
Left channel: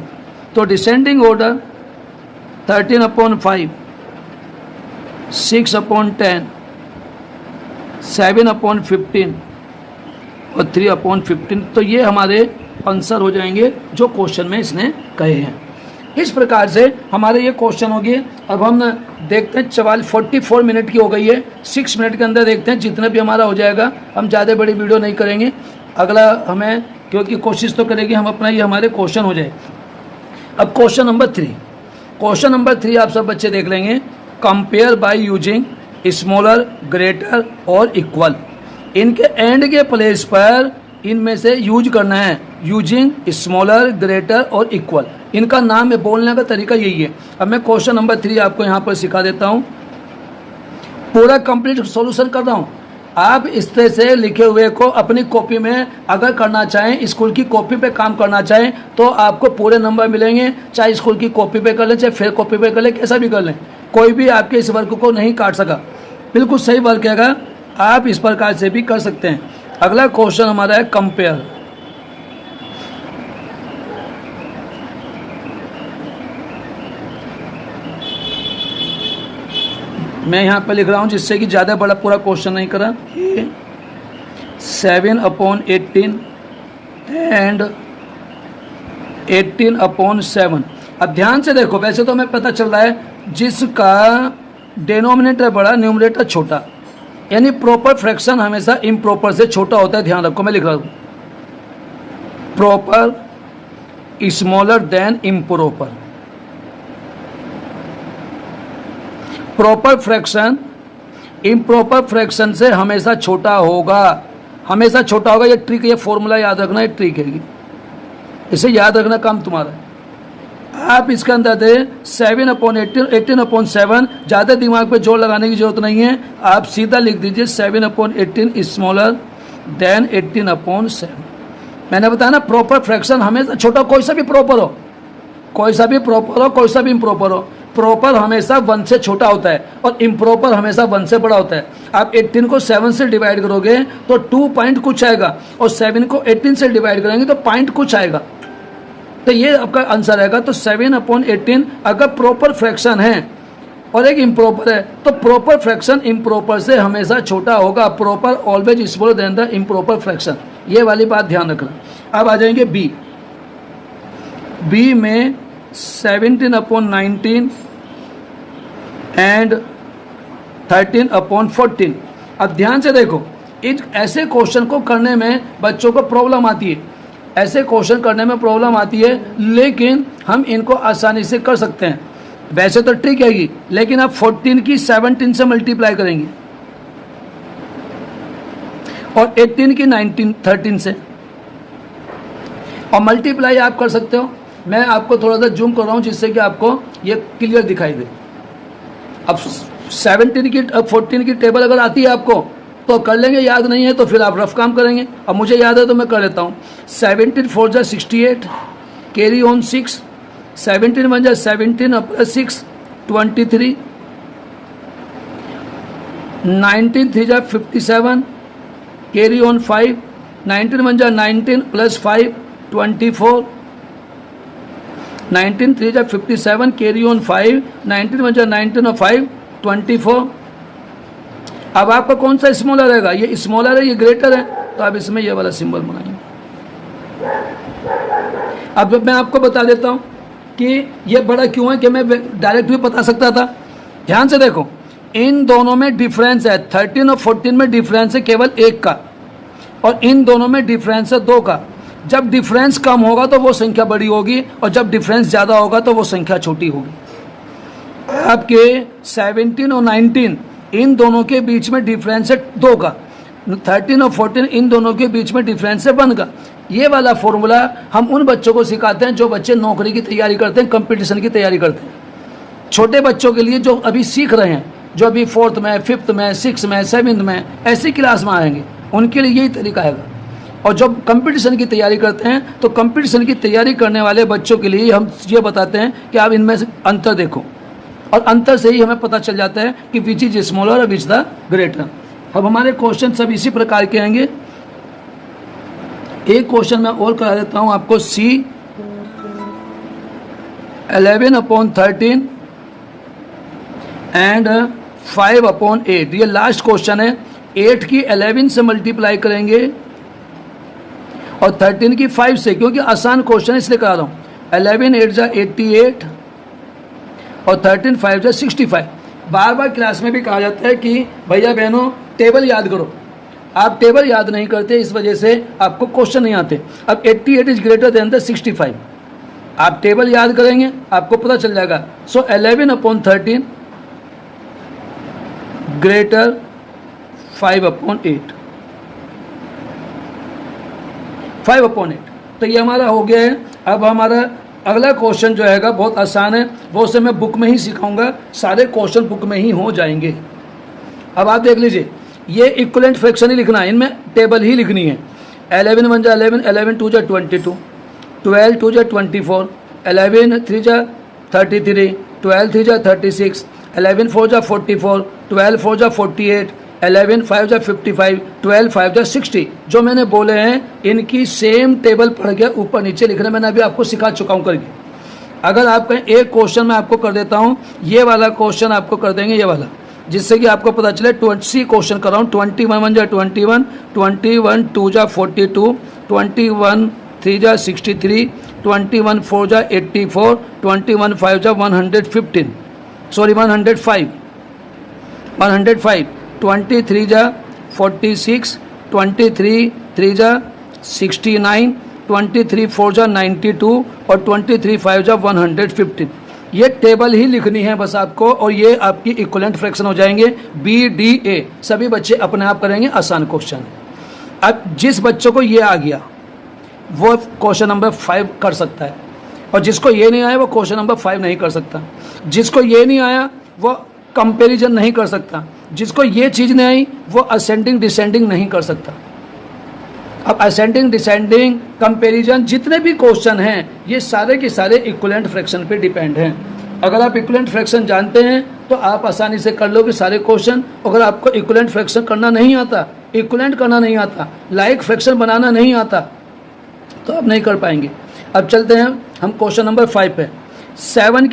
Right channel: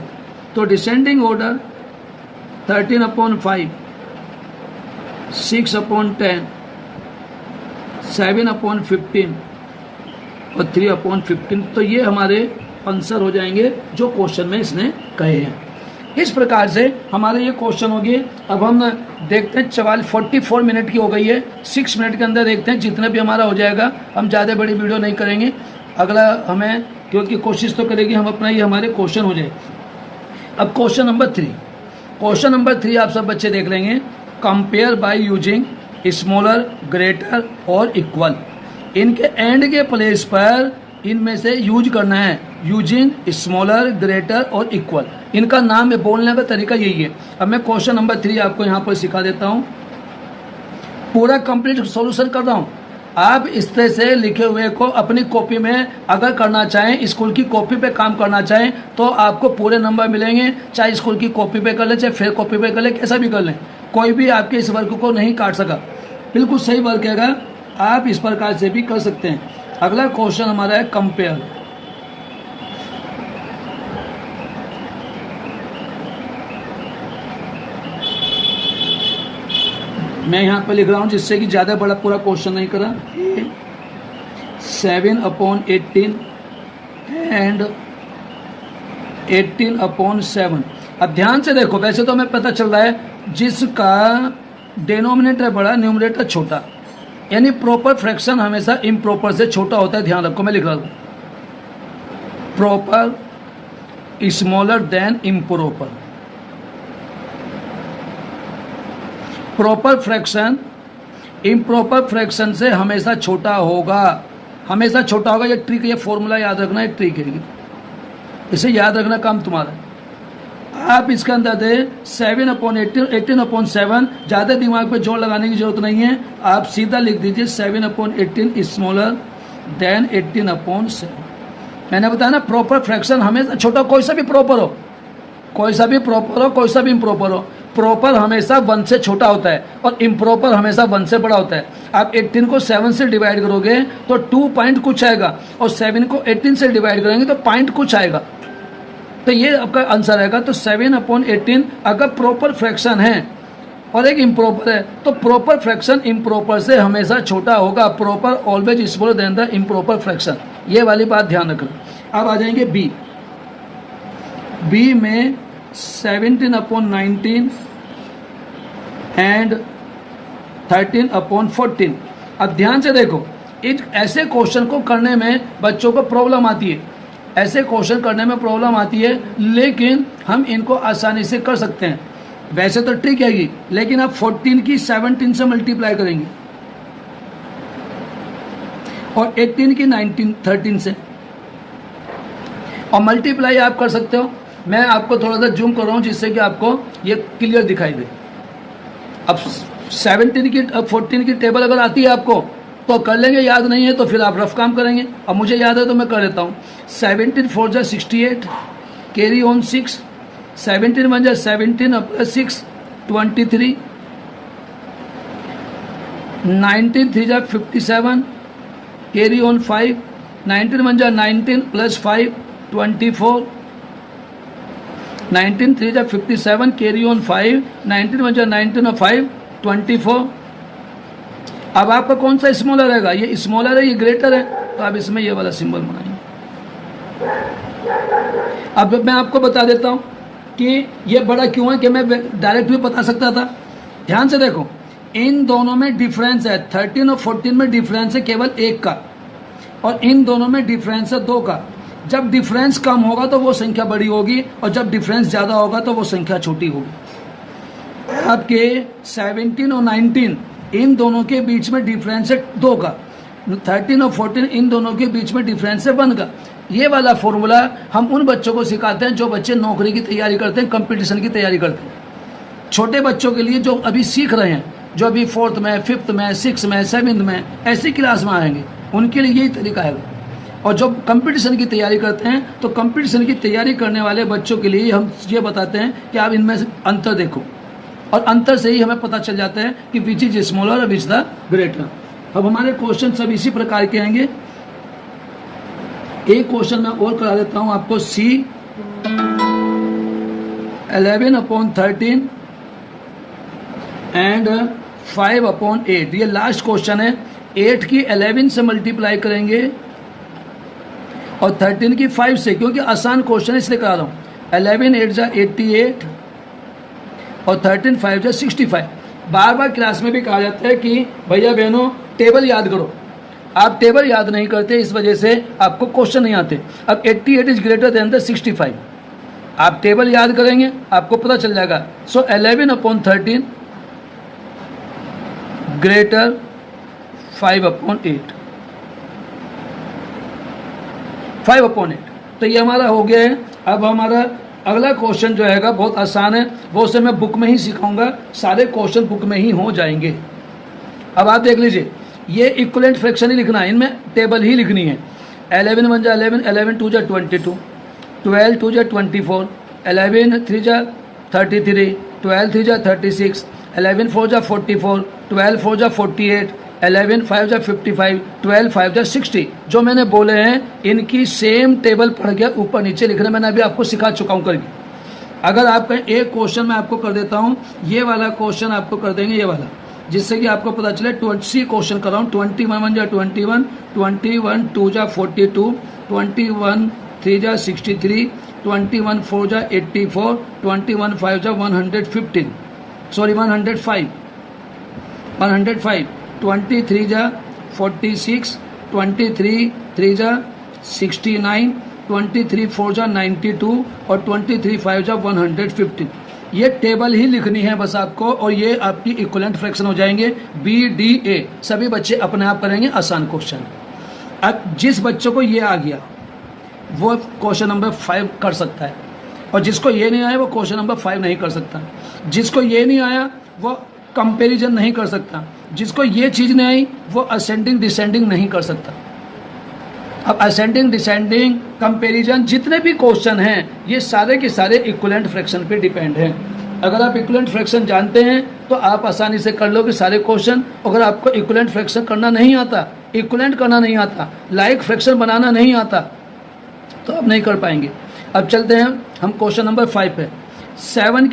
तो डिसेंडिंग ऑर्डर 13/5, 6/10, 7/15 और 3/15। तो ये हमारे आंसर हो जाएंगे जो क्वेश्चन में इसने कहे हैं। इस प्रकार से हमारे ये क्वेश्चन हो गए। अब हम देखते हैं 44 मिनट की हो गई है, 6 मिनट के अंदर देखते हैं जितना भी हमारा हो जाएगा। हम ज़्यादा बड़ी वीडियो नहीं करेंगे, अगला हमें, क्योंकि कोशिश तो करेंगे हम अपना, ये हमारे क्वेश्चन हो जाए। अब क्वेश्चन नंबर 3, क्वेश्चन नंबर 3 आप सब बच्चे देख लेंगे। Compare by using smaller, greater और इक्वल। इनके एंड के प्लेस पर इनमें से यूज करना है, यूजिंग स्मॉलर, ग्रेटर और इक्वल। इनका नाम है, बोलने का तरीका यही है। अब मैं क्वेश्चन नंबर 3 आपको यहाँ पर सिखा देता हूँ, पूरा कंप्लीट सॉल्यूशन कर रहा हूँ। आप इस तरह से लिखे हुए को अपनी कॉपी में अगर करना चाहें, स्कूल की कॉपी पे काम करना चाहें तो आपको पूरे नंबर मिलेंगे। चाहे स्कूल की कॉपी पे कर लें, चाहे फेयर कॉपी पे कर लें, कैसा भी कर लें, कोई भी आपके इस वर्क को नहीं काट सका। बिल्कुल सही वर्क है, अगर आप इस प्रकार से भी कर सकते हैं। अगला क्वेश्चन हमारा है कंपेयर। मैं यहाँ पर लिख रहा हूँ जिससे कि ज़्यादा बड़ा पूरा क्वेश्चन नहीं करा। 7/18 एंड 18/7। अब ध्यान से देखो, वैसे तो हमें पता चल रहा है जिसका डिनोमिनेटर बड़ा न्यूमरेटर छोटा, यानी प्रॉपर फ्रैक्शन हमेशा इम्प्रॉपर से छोटा होता है, ध्यान रखो, मैं लिख रहा हूं proper smaller than improper. Proper fraction improper fraction से हमेशा छोटा होगा, हमेशा छोटा होगा। ये ट्रिक, ये फॉर्मूला याद रखना, एक ट्रिक है ये, इसे याद रखना काम तुम्हारा है। आप इसके अंदर थे 7/18, 18/7, ज़्यादा दिमाग पे जोर लगाने की जरूरत नहीं है, आप सीधा लिख दीजिए 7/18 स्मॉलर देन 18/7। मैंने बताया ना प्रॉपर फ्रैक्शन हमेशा छोटा, कोई सा भी प्रॉपर हो, कोई सा भी प्रॉपर हो, कोई सा भी इम्प्रॉपर हो, प्रॉपर हमेशा 1 से छोटा होता है और इम्प्रॉपर हमेशा 1 से बड़ा होता है। आप 18 को 7 से डिवाइड करोगे तो 2 पॉइंट कुछ आएगा और 7 को 18 से डिवाइड करेंगे तो पॉइंट कुछ आएगा। तो ये आपका आंसर आएगा। तो 7/18 अगर प्रॉपर फ्रैक्शन है और एक इम्प्रॉपर है तो प्रॉपर फ्रैक्शन इम्प्रॉपर से हमेशा छोटा होगा। Proper always smaller than the improper fraction, ये वाली बात ध्यान रखना। अब आ जाएंगे बी। बी में 17/19 एंड 13/14। अब ध्यान से देखो, ऐसे क्वेश्चन को करने में बच्चों को प्रॉब्लम आती है, ऐसे क्वेश्चन करने में प्रॉब्लम आती है, लेकिन हम इनको आसानी से कर सकते हैं। वैसे तो ट्रिक है ये, लेकिन आप 14 की 17 से मल्टीप्लाई करेंगे और 18 की 13 से, और मल्टीप्लाई आप कर सकते हो। मैं आपको थोड़ा सा जूम कर रहा हूं जिससे कि आपको ये क्लियर दिखाई दे। अब 17 की 14 की टेबल अगर आती है आपको तो कर लेंगे, याद नहीं है तो फिर आप रफ काम करेंगे। अब मुझे याद है तो मैं कर लेता हूँ। 17 4 जा 68, कैरी ऑन 6, 17 1 जा 17 प्लस 6 23, 19 3 जा 57, कैरी ऑन 5, 19 1 जा 19 प्लस 5 24, 19 3 जा 57, कैरी ऑन 5, 19 1 जा 19 और 5 24। अब आपका कौन सा स्मॉलर रहेगा? ये स्मॉलर है, ये ग्रेटर है, तो आप इसमें ये वाला सिंबल बनाएंगे। अब मैं आपको बता देता हूं कि ये बड़ा क्यों है, कि मैं डायरेक्ट भी बता सकता था। ध्यान से देखो, इन दोनों में डिफरेंस है, 13 और 14 में डिफरेंस है केवल 1 का, और इन दोनों में डिफरेंस है 2 का। जब डिफरेंस कम होगा तो वो संख्या बड़ी होगी, और जब डिफरेंस ज्यादा होगा तो वो संख्या छोटी होगी। आपके 17 और 19 इन दोनों के बीच में डिफरेंस है 2 का, 13 और 14 इन दोनों के बीच में डिफरेंस है 1 का। ये वाला फॉर्मूला हम उन बच्चों को सिखाते हैं जो बच्चे नौकरी की तैयारी करते हैं, कंपटीशन की तैयारी करते हैं। छोटे बच्चों के लिए जो अभी सीख रहे हैं, जो अभी 4th में, 5th में, 6th में, 7th में ऐसी क्लास में आएंगे, उनके लिए यही तरीका है। और जब कंपटीशन की तैयारी करते हैं तो कंपटीशन की तैयारी करने वाले बच्चों के लिए हम ये बताते हैं कि आप इनमें से अंतर देखो, और अंतर से ही हमें पता चल जाता है कि विच इज स्मॉलर और विच द ग्रेटर। अब हमारे क्वेश्चन सब इसी प्रकार के आएंगे। एक क्वेश्चन मैं और करा देता हूं आपको, सी 11/13 एंड 5/8। ये लास्ट क्वेश्चन है। 8 की 11 से मल्टीप्लाई करेंगे और 13 की 5 से, क्योंकि आसान क्वेश्चन इसलिए करा रहा हूं। 11 8 जा 88 और 13 5 जा 65। बार बार क्लास में भी कहा जाता है कि भैया बहनों टेबल याद करो, आप टेबल याद नहीं करते, इस वजह से आपको क्वेश्चन नहीं आते। अब 88 इज ग्रेटर देन द 65, आप टेबल याद करेंगे आपको पता चल जाएगा। सो 11/13 ग्रेटर 5/8, 5/8। तो ये हमारा हो गया है। अब हमारा अगला क्वेश्चन जो है बहुत आसान है, वो उसे मैं बुक में ही सिखाऊंगा, सारे क्वेश्चन बुक में ही हो जाएंगे। अब आप देख लीजिए, ये इक्विवेलेंट फ्रैक्शन ही लिखना है, इनमें टेबल ही लिखनी है। 11 1 जा 11, 11 2 जा 22, 12 2 जा 24, 11 3 जा 33, 12 3 जा 36, 11 4 जा 44, 12 4 जा 48, 11 5 जा 55, 12 5 जा 60। जो मैंने बोले हैं इनकी सेम टेबल पढ़ के ऊपर नीचे लिखना मैंने अभी आपको सिखा चुका हूं करके। अगर आप एक क्वेश्चन मैं आपको कर देता हूं, ये वाला क्वेश्चन आपको कर देंगे, ये वाला, जिससे कि आपको पता चले 20 क्वेश्चन कर रहा हूँ। 21 1 जा 21, 21 2 जा 42, 21 3 जा 63, 21 4 जा 84, 21 5 जा 115, सॉरी 105, 23 जा 46, 23 3 जा 69, 23 4 जा 92 और 23 5 जा 115। ये टेबल ही लिखनी है बस आपको, और ये आपकी इक्विवेलेंट फ्रैक्शन हो जाएंगे बी डी ए। सभी बच्चे अपने आप करेंगे, आसान क्वेश्चन। अब जिस बच्चों को ये आ गया वो क्वेश्चन नंबर 5 कर सकता है, और जिसको ये नहीं आया वो क्वेश्चन नंबर 5 नहीं कर सकता। जिसको ये नहीं आया वो कंपैरिजन नहीं कर सकता। जिसको ये चीज़ नहीं आई वो असेंडिंग डिसेंडिंग नहीं कर सकता। अब असेंडिंग डिसेंडिंग कंपैरिजन जितने भी क्वेश्चन हैं ये सारे के सारे इक्विवेलेंट फ्रैक्शन पे डिपेंड हैं। अगर आप इक्विवेलेंट फ्रैक्शन जानते हैं तो आप आसानी से कर लोगे सारे क्वेश्चन। अगर आपको इक्विवेलेंट फ्रैक्शन करना नहीं आता, इक्विवेलेंट करना नहीं आता, लाइक फ्रैक्शन बनाना नहीं आता, तो आप नहीं कर पाएंगे। अब चलते हैं हम क्वेश्चन नंबर 5 पे। 7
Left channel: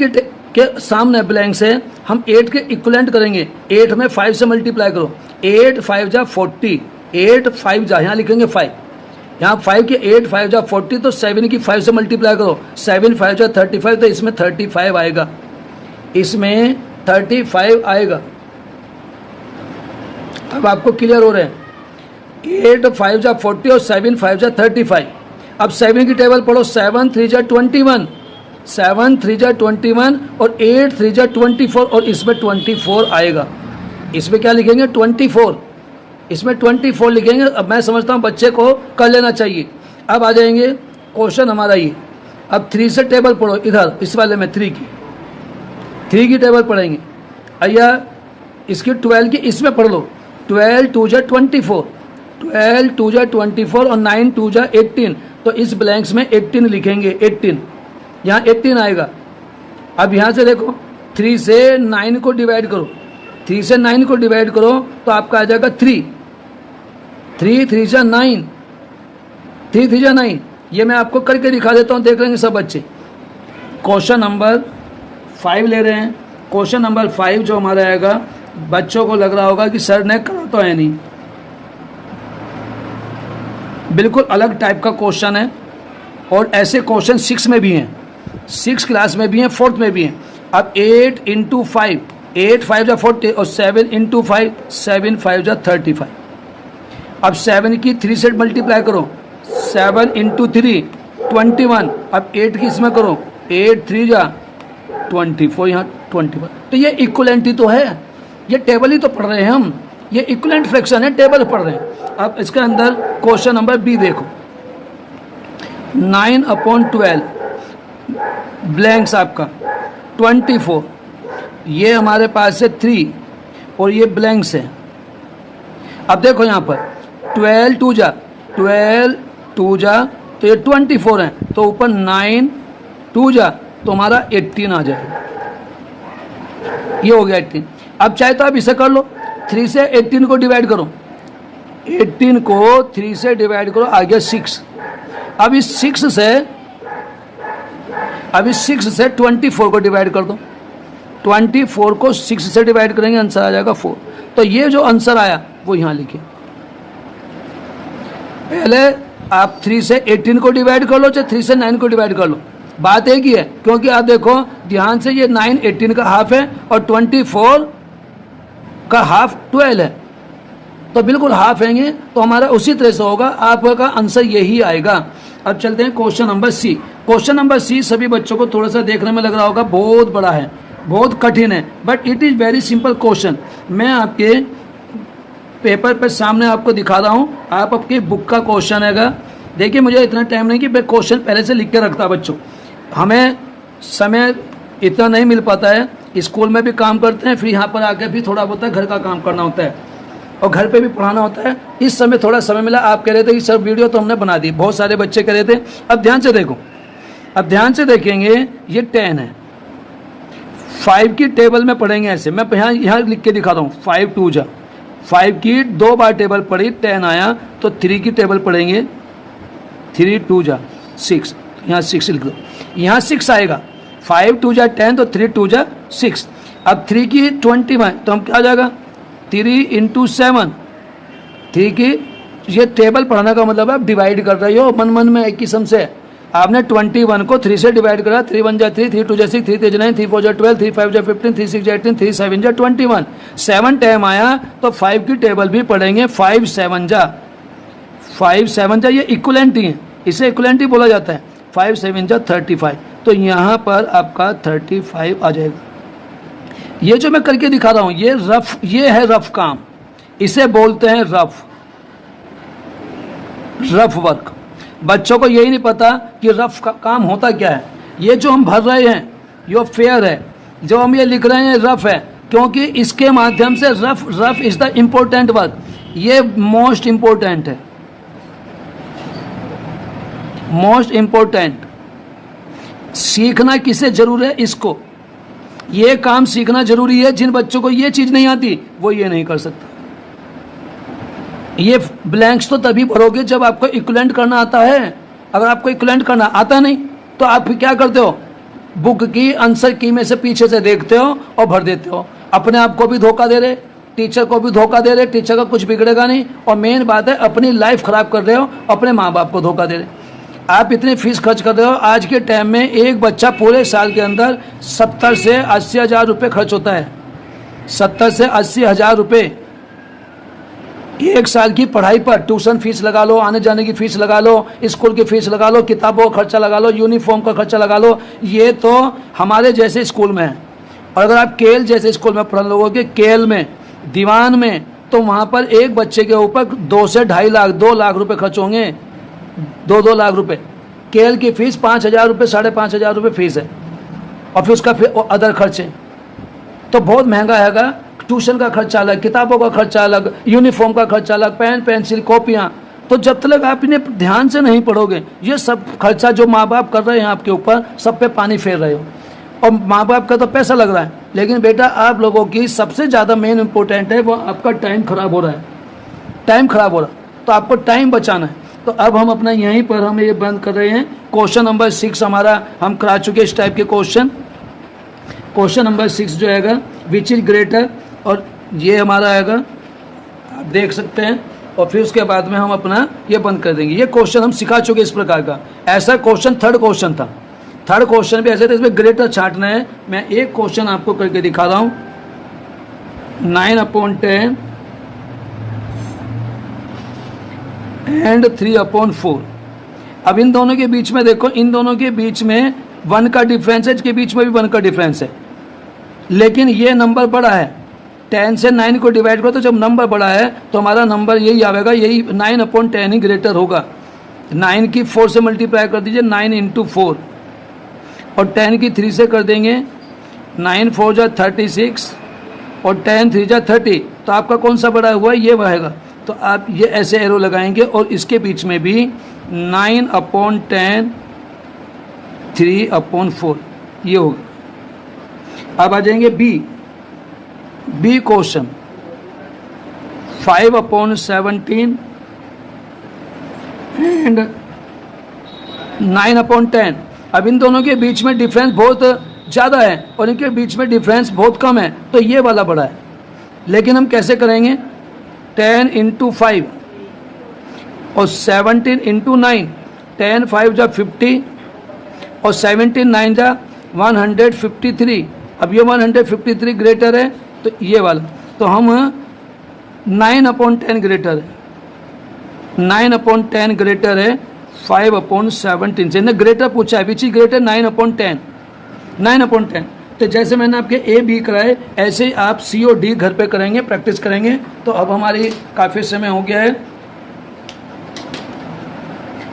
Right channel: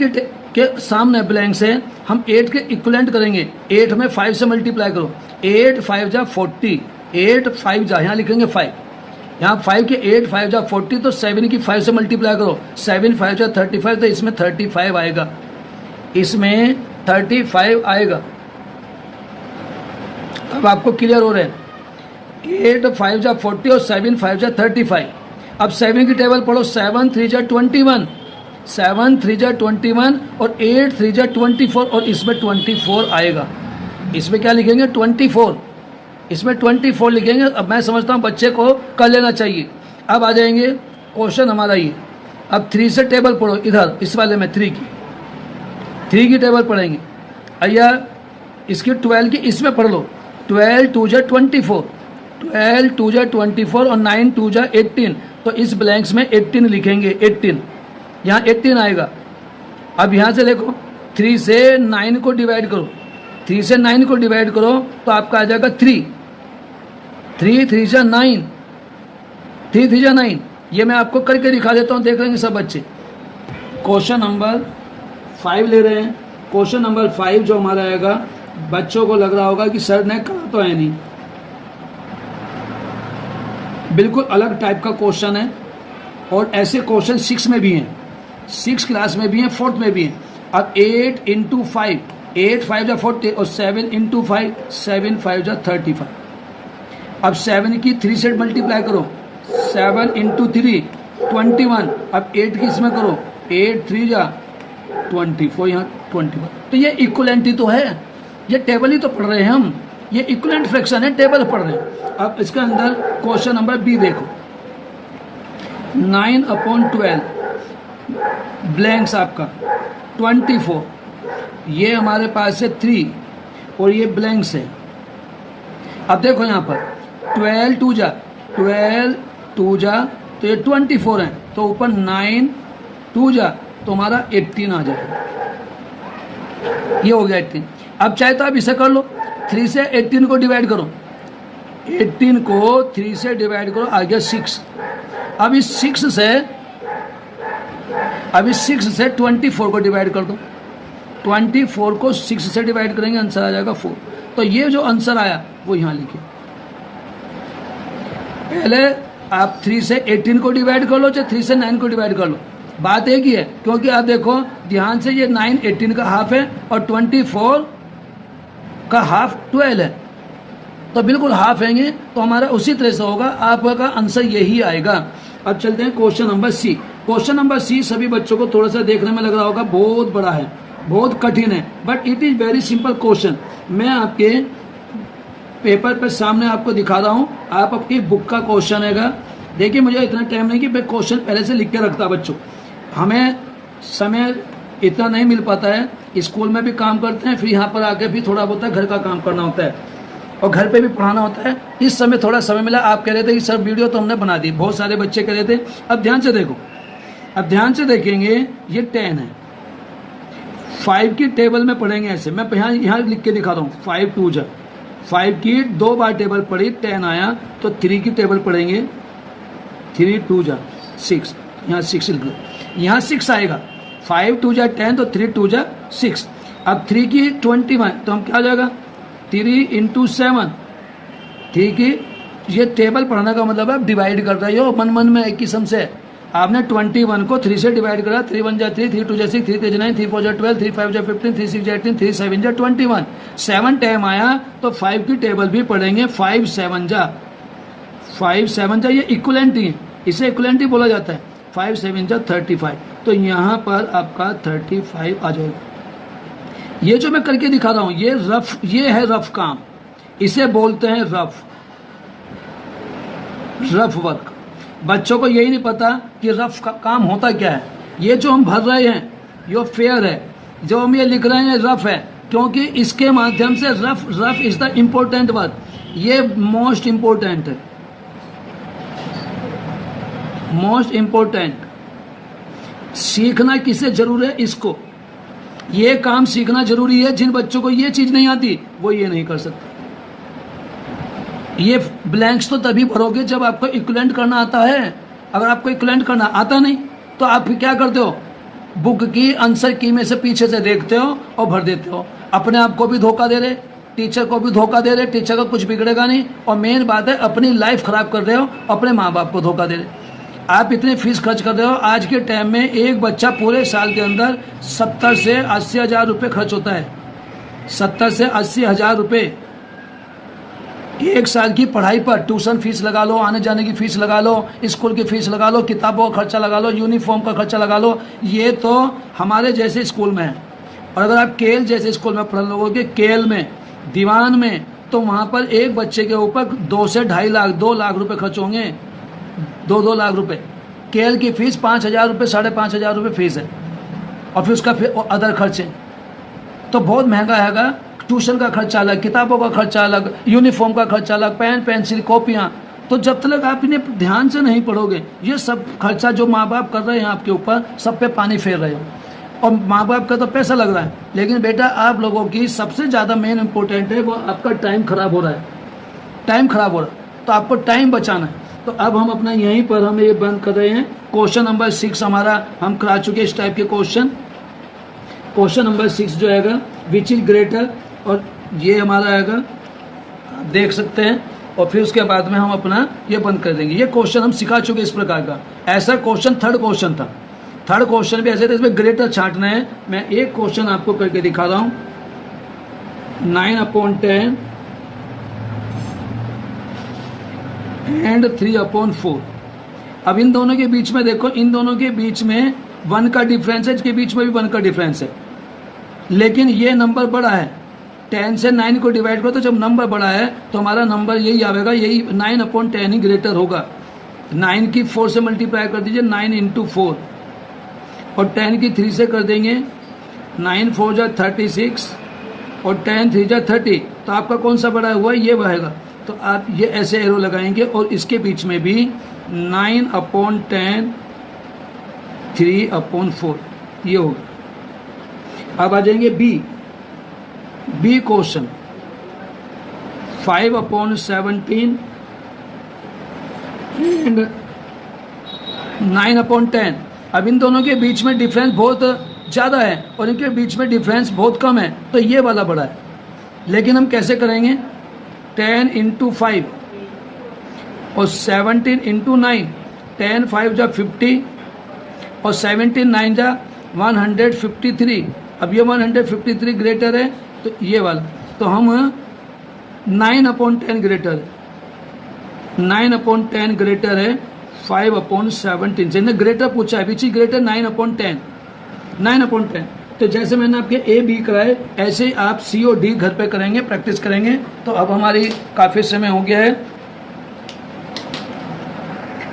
के सामने ब्लैंक से हम 8 के इक्विवेलेंट करेंगे। 8 में 5 से मल्टीप्लाई करो, 8 5 जा 40, 8 5 जा, यहाँ लिखेंगे 5, यहाँ 5 के 8 5 जा 40, तो 7 की 5 से मल्टीप्लाई करो, 7 5 जा 35, तो इसमें 35 आएगा, इसमें 35 आएगा। अब आपको क्लियर हो रहे हैं, 8 5 जा 40 और 7 5 जा 35। अब 7 की टेबल पढ़ो, 7 3 जा 21, 7 3 जा 21 और 8 3 जा 24, और इसमें 24 आएगा। इसमें क्या लिखेंगे 24, इसमें 24 लिखेंगे। अब मैं समझता हूँ बच्चे को कर लेना चाहिए। अब आ जाएंगे क्वेश्चन हमारा ये। अब 3 से टेबल पढ़ो, इधर इस वाले में 3 की टेबल पढ़ेंगे। अय्या इसकी 12 की इसमें पढ़ लो, 12 2 जा 24, 12 2 जा 24 और 9 2 जा 18, तो इस ब्लैंक्स में 18 लिखेंगे, 18 यहाँ 18 आएगा। अब यहाँ से देखो 3 से 9 को डिवाइड करो, 3 से 9 को डिवाइड करो तो आपका आ जाएगा 3 3 जा 9, 3 जा 9। ये मैं आपको करके दिखा देता हूँ, देख लेंगे सब बच्चे। क्वेश्चन नंबर 5 ले रहे हैं। क्वेश्चन नंबर 5 जो हमारा आएगा, बच्चों को लग रहा होगा कि सर ने कहा तो है नहीं, बिल्कुल अलग टाइप का क्वेश्चन है। और ऐसे क्वेश्चन 6 में भी हैं, 6 क्लास में भी हैं, 4th में भी हैं। अब 8 × 5, 8 5 जा 40 और 7 × 5, 7 5 जा 35। अब 7 की 3 से मल्टीप्लाई करो, 7 × 3 21। अब 8 की इसमें करो, 8 3 जा 24, यहाँ 21। तो ये इक्विवेलेंट ही तो है, ये टेबल ही तो पढ़ रहे हैं हम, ये इक्विवेलेंट फ्रैक्शन है, टेबल पढ़ रहे हैं। अब इसके अंदर क्वेश्चन नंबर बी देखो, 9/12 ब्लैंक्स आपका 24, ये हमारे पास है 3 और ये ब्लैंक्स है। अब देखो यहाँ पर 12 2 जा तो ये 24 है, तो ऊपर 9 2 जा तो हमारा 18 आ जाएगा, ये हो गया 18। अब चाहे तो आप इसे कर लो, 3 से 18 को डिवाइड करो, 18 को 3 से डिवाइड करो, आ गया 6। अब इस 6 से 24 को डिवाइड कर दो, 24 को 6 से डिवाइड करेंगे, आंसर आ जाएगा 4। तो ये जो आंसर आया वो यहाँ लिखिए। पहले आप 3 से 18 को डिवाइड कर लो, चाहे 3 से 9 को डिवाइड कर लो, बात एक ही है। क्योंकि आप देखो ध्यान से, ये 9 18 का हाफ है और 24 का हाफ 12 है, तो बिल्कुल हाफ हैंगे, तो हमारा उसी तरह से होगा, आपका आंसर यही आएगा। अब चलते हैं question number C. Question number C सभी बच्चों को थोड़ा सा देखने में लग रहा होगा बहुत बड़ा है, बहुत कठिन है, but it is very simple question. मैं आपके पेपर पे सामने आपको दिखा रहा हूँ, आप आपकी बुक का क्वेश्चन हैगा। देखिए मुझे इतना टाइम नहीं कि मैं क्वेश्चन पहले से लिख के रखता बच्चों, हमें समय इतना नहीं मिल पाता है, स्कूल में भी काम करते हैं, फिर यहाँ पर आके भी थोड़ा बहुत घर का काम करना होता है और घर पे भी पढ़ाना होता है। इस समय थोड़ा समय मिला, आप कह रहे थे कि सर वीडियो तो हमने बना दी, बहुत सारे बच्चे कह रहे थे। अब ध्यान से देखो, अब ध्यान से देखेंगे, ये 10 है, 5 की टेबल में पढ़ेंगे ऐसे, मैं यहाँ लिख के दिखा रहा हूँ, 5 2 जा 5 की 2 बार टेबल पढ़ी, 10 आया, तो 3 की टेबल पढ़ेंगे, 3 2 जा 6, यहाँ 6 लिख दो, यहाँ 6 आएगा, 5 2 जा 10 तो 3 2 जा 6। अब 3 की 21 तो हम क्या आ जाएगा 3 × 7, 3 की, ये टेबल पढ़ाने का मतलब आप डिवाइड कर रहे हो मन मन में एक किस्म से, आपने 21 को 3 से डिवाइड करा, 3 1 जा 3, 3 2 जा 6, 3 3 जा 9, 3 4 जा 12, 3 5 जा 15, 3 6 जा 18, 3 7 जा 21। 7 टाइम आया तो 5 की टेबल भी पढ़ेंगे। 5 7 जा, ये इक्वलेंट ही है, इसे इक्वलेंट ही बोला जाता है। 5 7 जा 35, तो यहाँ पर आपका 35 आ जाएगा। ये जो मैं करके दिखा रहा हूँ ये है रफ काम, इसे बोलते हैं रफ वर्क। बच्चों को यही नहीं पता कि रफ का काम होता क्या है। ये जो हम भर रहे हैं ये फेयर है, जो हम ये लिख रहे हैं रफ है, क्योंकि इसके माध्यम से rough is the important work, ये मोस्ट इम्पोर्टेंट है, मोस्ट इम्पोर्टेंट। सीखना किसे जरूर है? इसको, ये काम सीखना जरूरी है। जिन बच्चों को ये चीज नहीं आती वो ये नहीं कर सकते। ये ब्लैंक्स तो तभी भरोगे जब आपको इक्विवेलेंट करना आता है। अगर आपको इक्विवेलेंट करना आता नहीं तो आप क्या करते हो? बुक की आंसर की में से पीछे से देखते हो और भर देते हो। अपने आप को भी धोखा दे रहे, टीचर को भी धोखा दे रहे। टीचर का कुछ बिगड़ेगा नहीं, और मेन बात है अपनी लाइफ खराब कर रहे हो, अपने माँ बाप को धोखा दे रहे। आप इतनी फीस खर्च कर रहे हो। आज के टाइम में एक बच्चा पूरे साल के अंदर 70 से 80 हज़ार रुपये खर्च होता है। 70 से 80 हज़ार रुपये एक साल की पढ़ाई पर। ट्यूशन फीस लगा लो, आने जाने की फीस लगा लो, स्कूल की फीस लगा लो, किताबों का खर्चा लगा लो, यूनिफॉर्म का खर्चा लगा लो। ये तो हमारे जैसे स्कूल में है। और अगर आप केल जैसे स्कूल में पढ़ लोगे, केल में, दीवान में, तो वहाँ पर एक बच्चे के ऊपर 2 से 2.5 लाख 2 लाख रुपए खर्च होंगे। 2 लाख रुपए। केल की फीस 5,000 रुपये 5,500 रुपये फीस है, और फिर उसका अदर खर्चे तो बहुत महंगा हैगा। ट्यूशन का खर्चा अलग, किताबों का खर्चा अलग, यूनिफॉर्म का खर्चा अलग, पेन पेंसिल कॉपियाँ। तो जब तक आप इन्हें ध्यान से नहीं पढ़ोगे, ये सब खर्चा जो माँ बाप कर रहे हैं आपके ऊपर, सब पे पानी फेर रहे हो। और माँ बाप का तो पैसा लग रहा है, लेकिन बेटा आप लोगों की सबसे ज़्यादा मेन इंपॉर्टेंट है वो आपका टाइम खराब हो रहा है। टाइम खराब हो रहा है तो आपको टाइम बचाना है। तो अब हम अपना यहीं पर हम ये बंद कर रहे हैं। क्वेश्चन नंबर 6 हमारा हम करा चुके इस टाइप के क्वेश्चन। क्वेश्चन नंबर 6 जो आएगा विच इज ग्रेटर, और ये हमारा आएगा, आप देख सकते हैं। और फिर उसके बाद में हम अपना ये बंद कर देंगे। ये क्वेश्चन हम सिखा चुके इस प्रकार का। ऐसा क्वेश्चन थर्ड क्वेश्चन था। थर्ड क्वेश्चन भी ऐसे थे, इसमें ग्रेटर छांटना है। मैं एक क्वेश्चन आपको करके दिखा रहा हूँ। 9/10 एंड 3/4। अब इन दोनों के बीच में देखो, इन दोनों के बीच में 1 का डिफरेंस है, इसके बीच में भी 1 का डिफरेंस है, लेकिन ये नंबर बड़ा है। 10 से 9 को डिवाइड करो तो जब नंबर बड़ा है तो हमारा नंबर यही आएगा, यही 9/10 ही ग्रेटर होगा। 9 की 4 से मल्टीप्लाई कर दीजिए, 9 × 4, और 10 की 3 से कर देंगे, 9 4 जा 36 और 10 3 जा 30। तो आपका कौन सा बड़ा हुआ? ये रहेगा। तो आप ये ऐसे एरो लगाएंगे और इसके बीच में भी 9/10 3/4 ये होगा। अब आ जाएंगे बी क्वेश्चन 5/17 एंड 9/10। अब इन दोनों के बीच में डिफरेंस बहुत ज़्यादा है और इनके बीच में डिफरेंस बहुत कम है, तो ये वाला बड़ा है। लेकिन हम कैसे करेंगे? 10 × 5 और 17 × 9। 10 5 जा 50 और 17 9 जा 153। अब ये 153 ग्रेटर है तो ये वाला, तो हम 9/10 ग्रेटर है, 9/10 ग्रेटर है 5/17 से। ग्रेटर पूछा है, विच इज ग्रेटर 9/10, 9/10। तो जैसे मैंने आपके ए बी कराए, ऐसे ही आप सी और डी घर पे करेंगे, प्रैक्टिस करेंगे। तो अब हमारी काफ़ी समय हो गया है।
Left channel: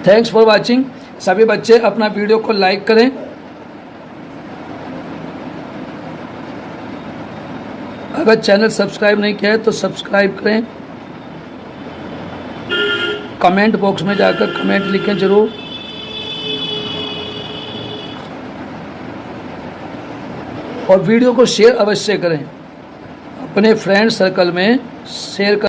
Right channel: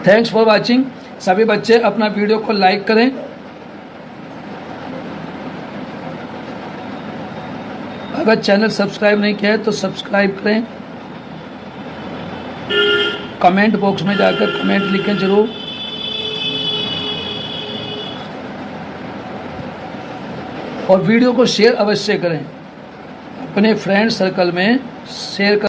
Thanks for watching. सभी बच्चे अपना वीडियो को लाइक करें, अगर चैनल सब्सक्राइब नहीं किया है तो सब्सक्राइब करें। कमेंट बॉक्स में जाकर कमेंट लिखें जरूर। और वीडियो को शेयर अवश्य करें, अपने फ्रेंड सर्कल में शेयर कर।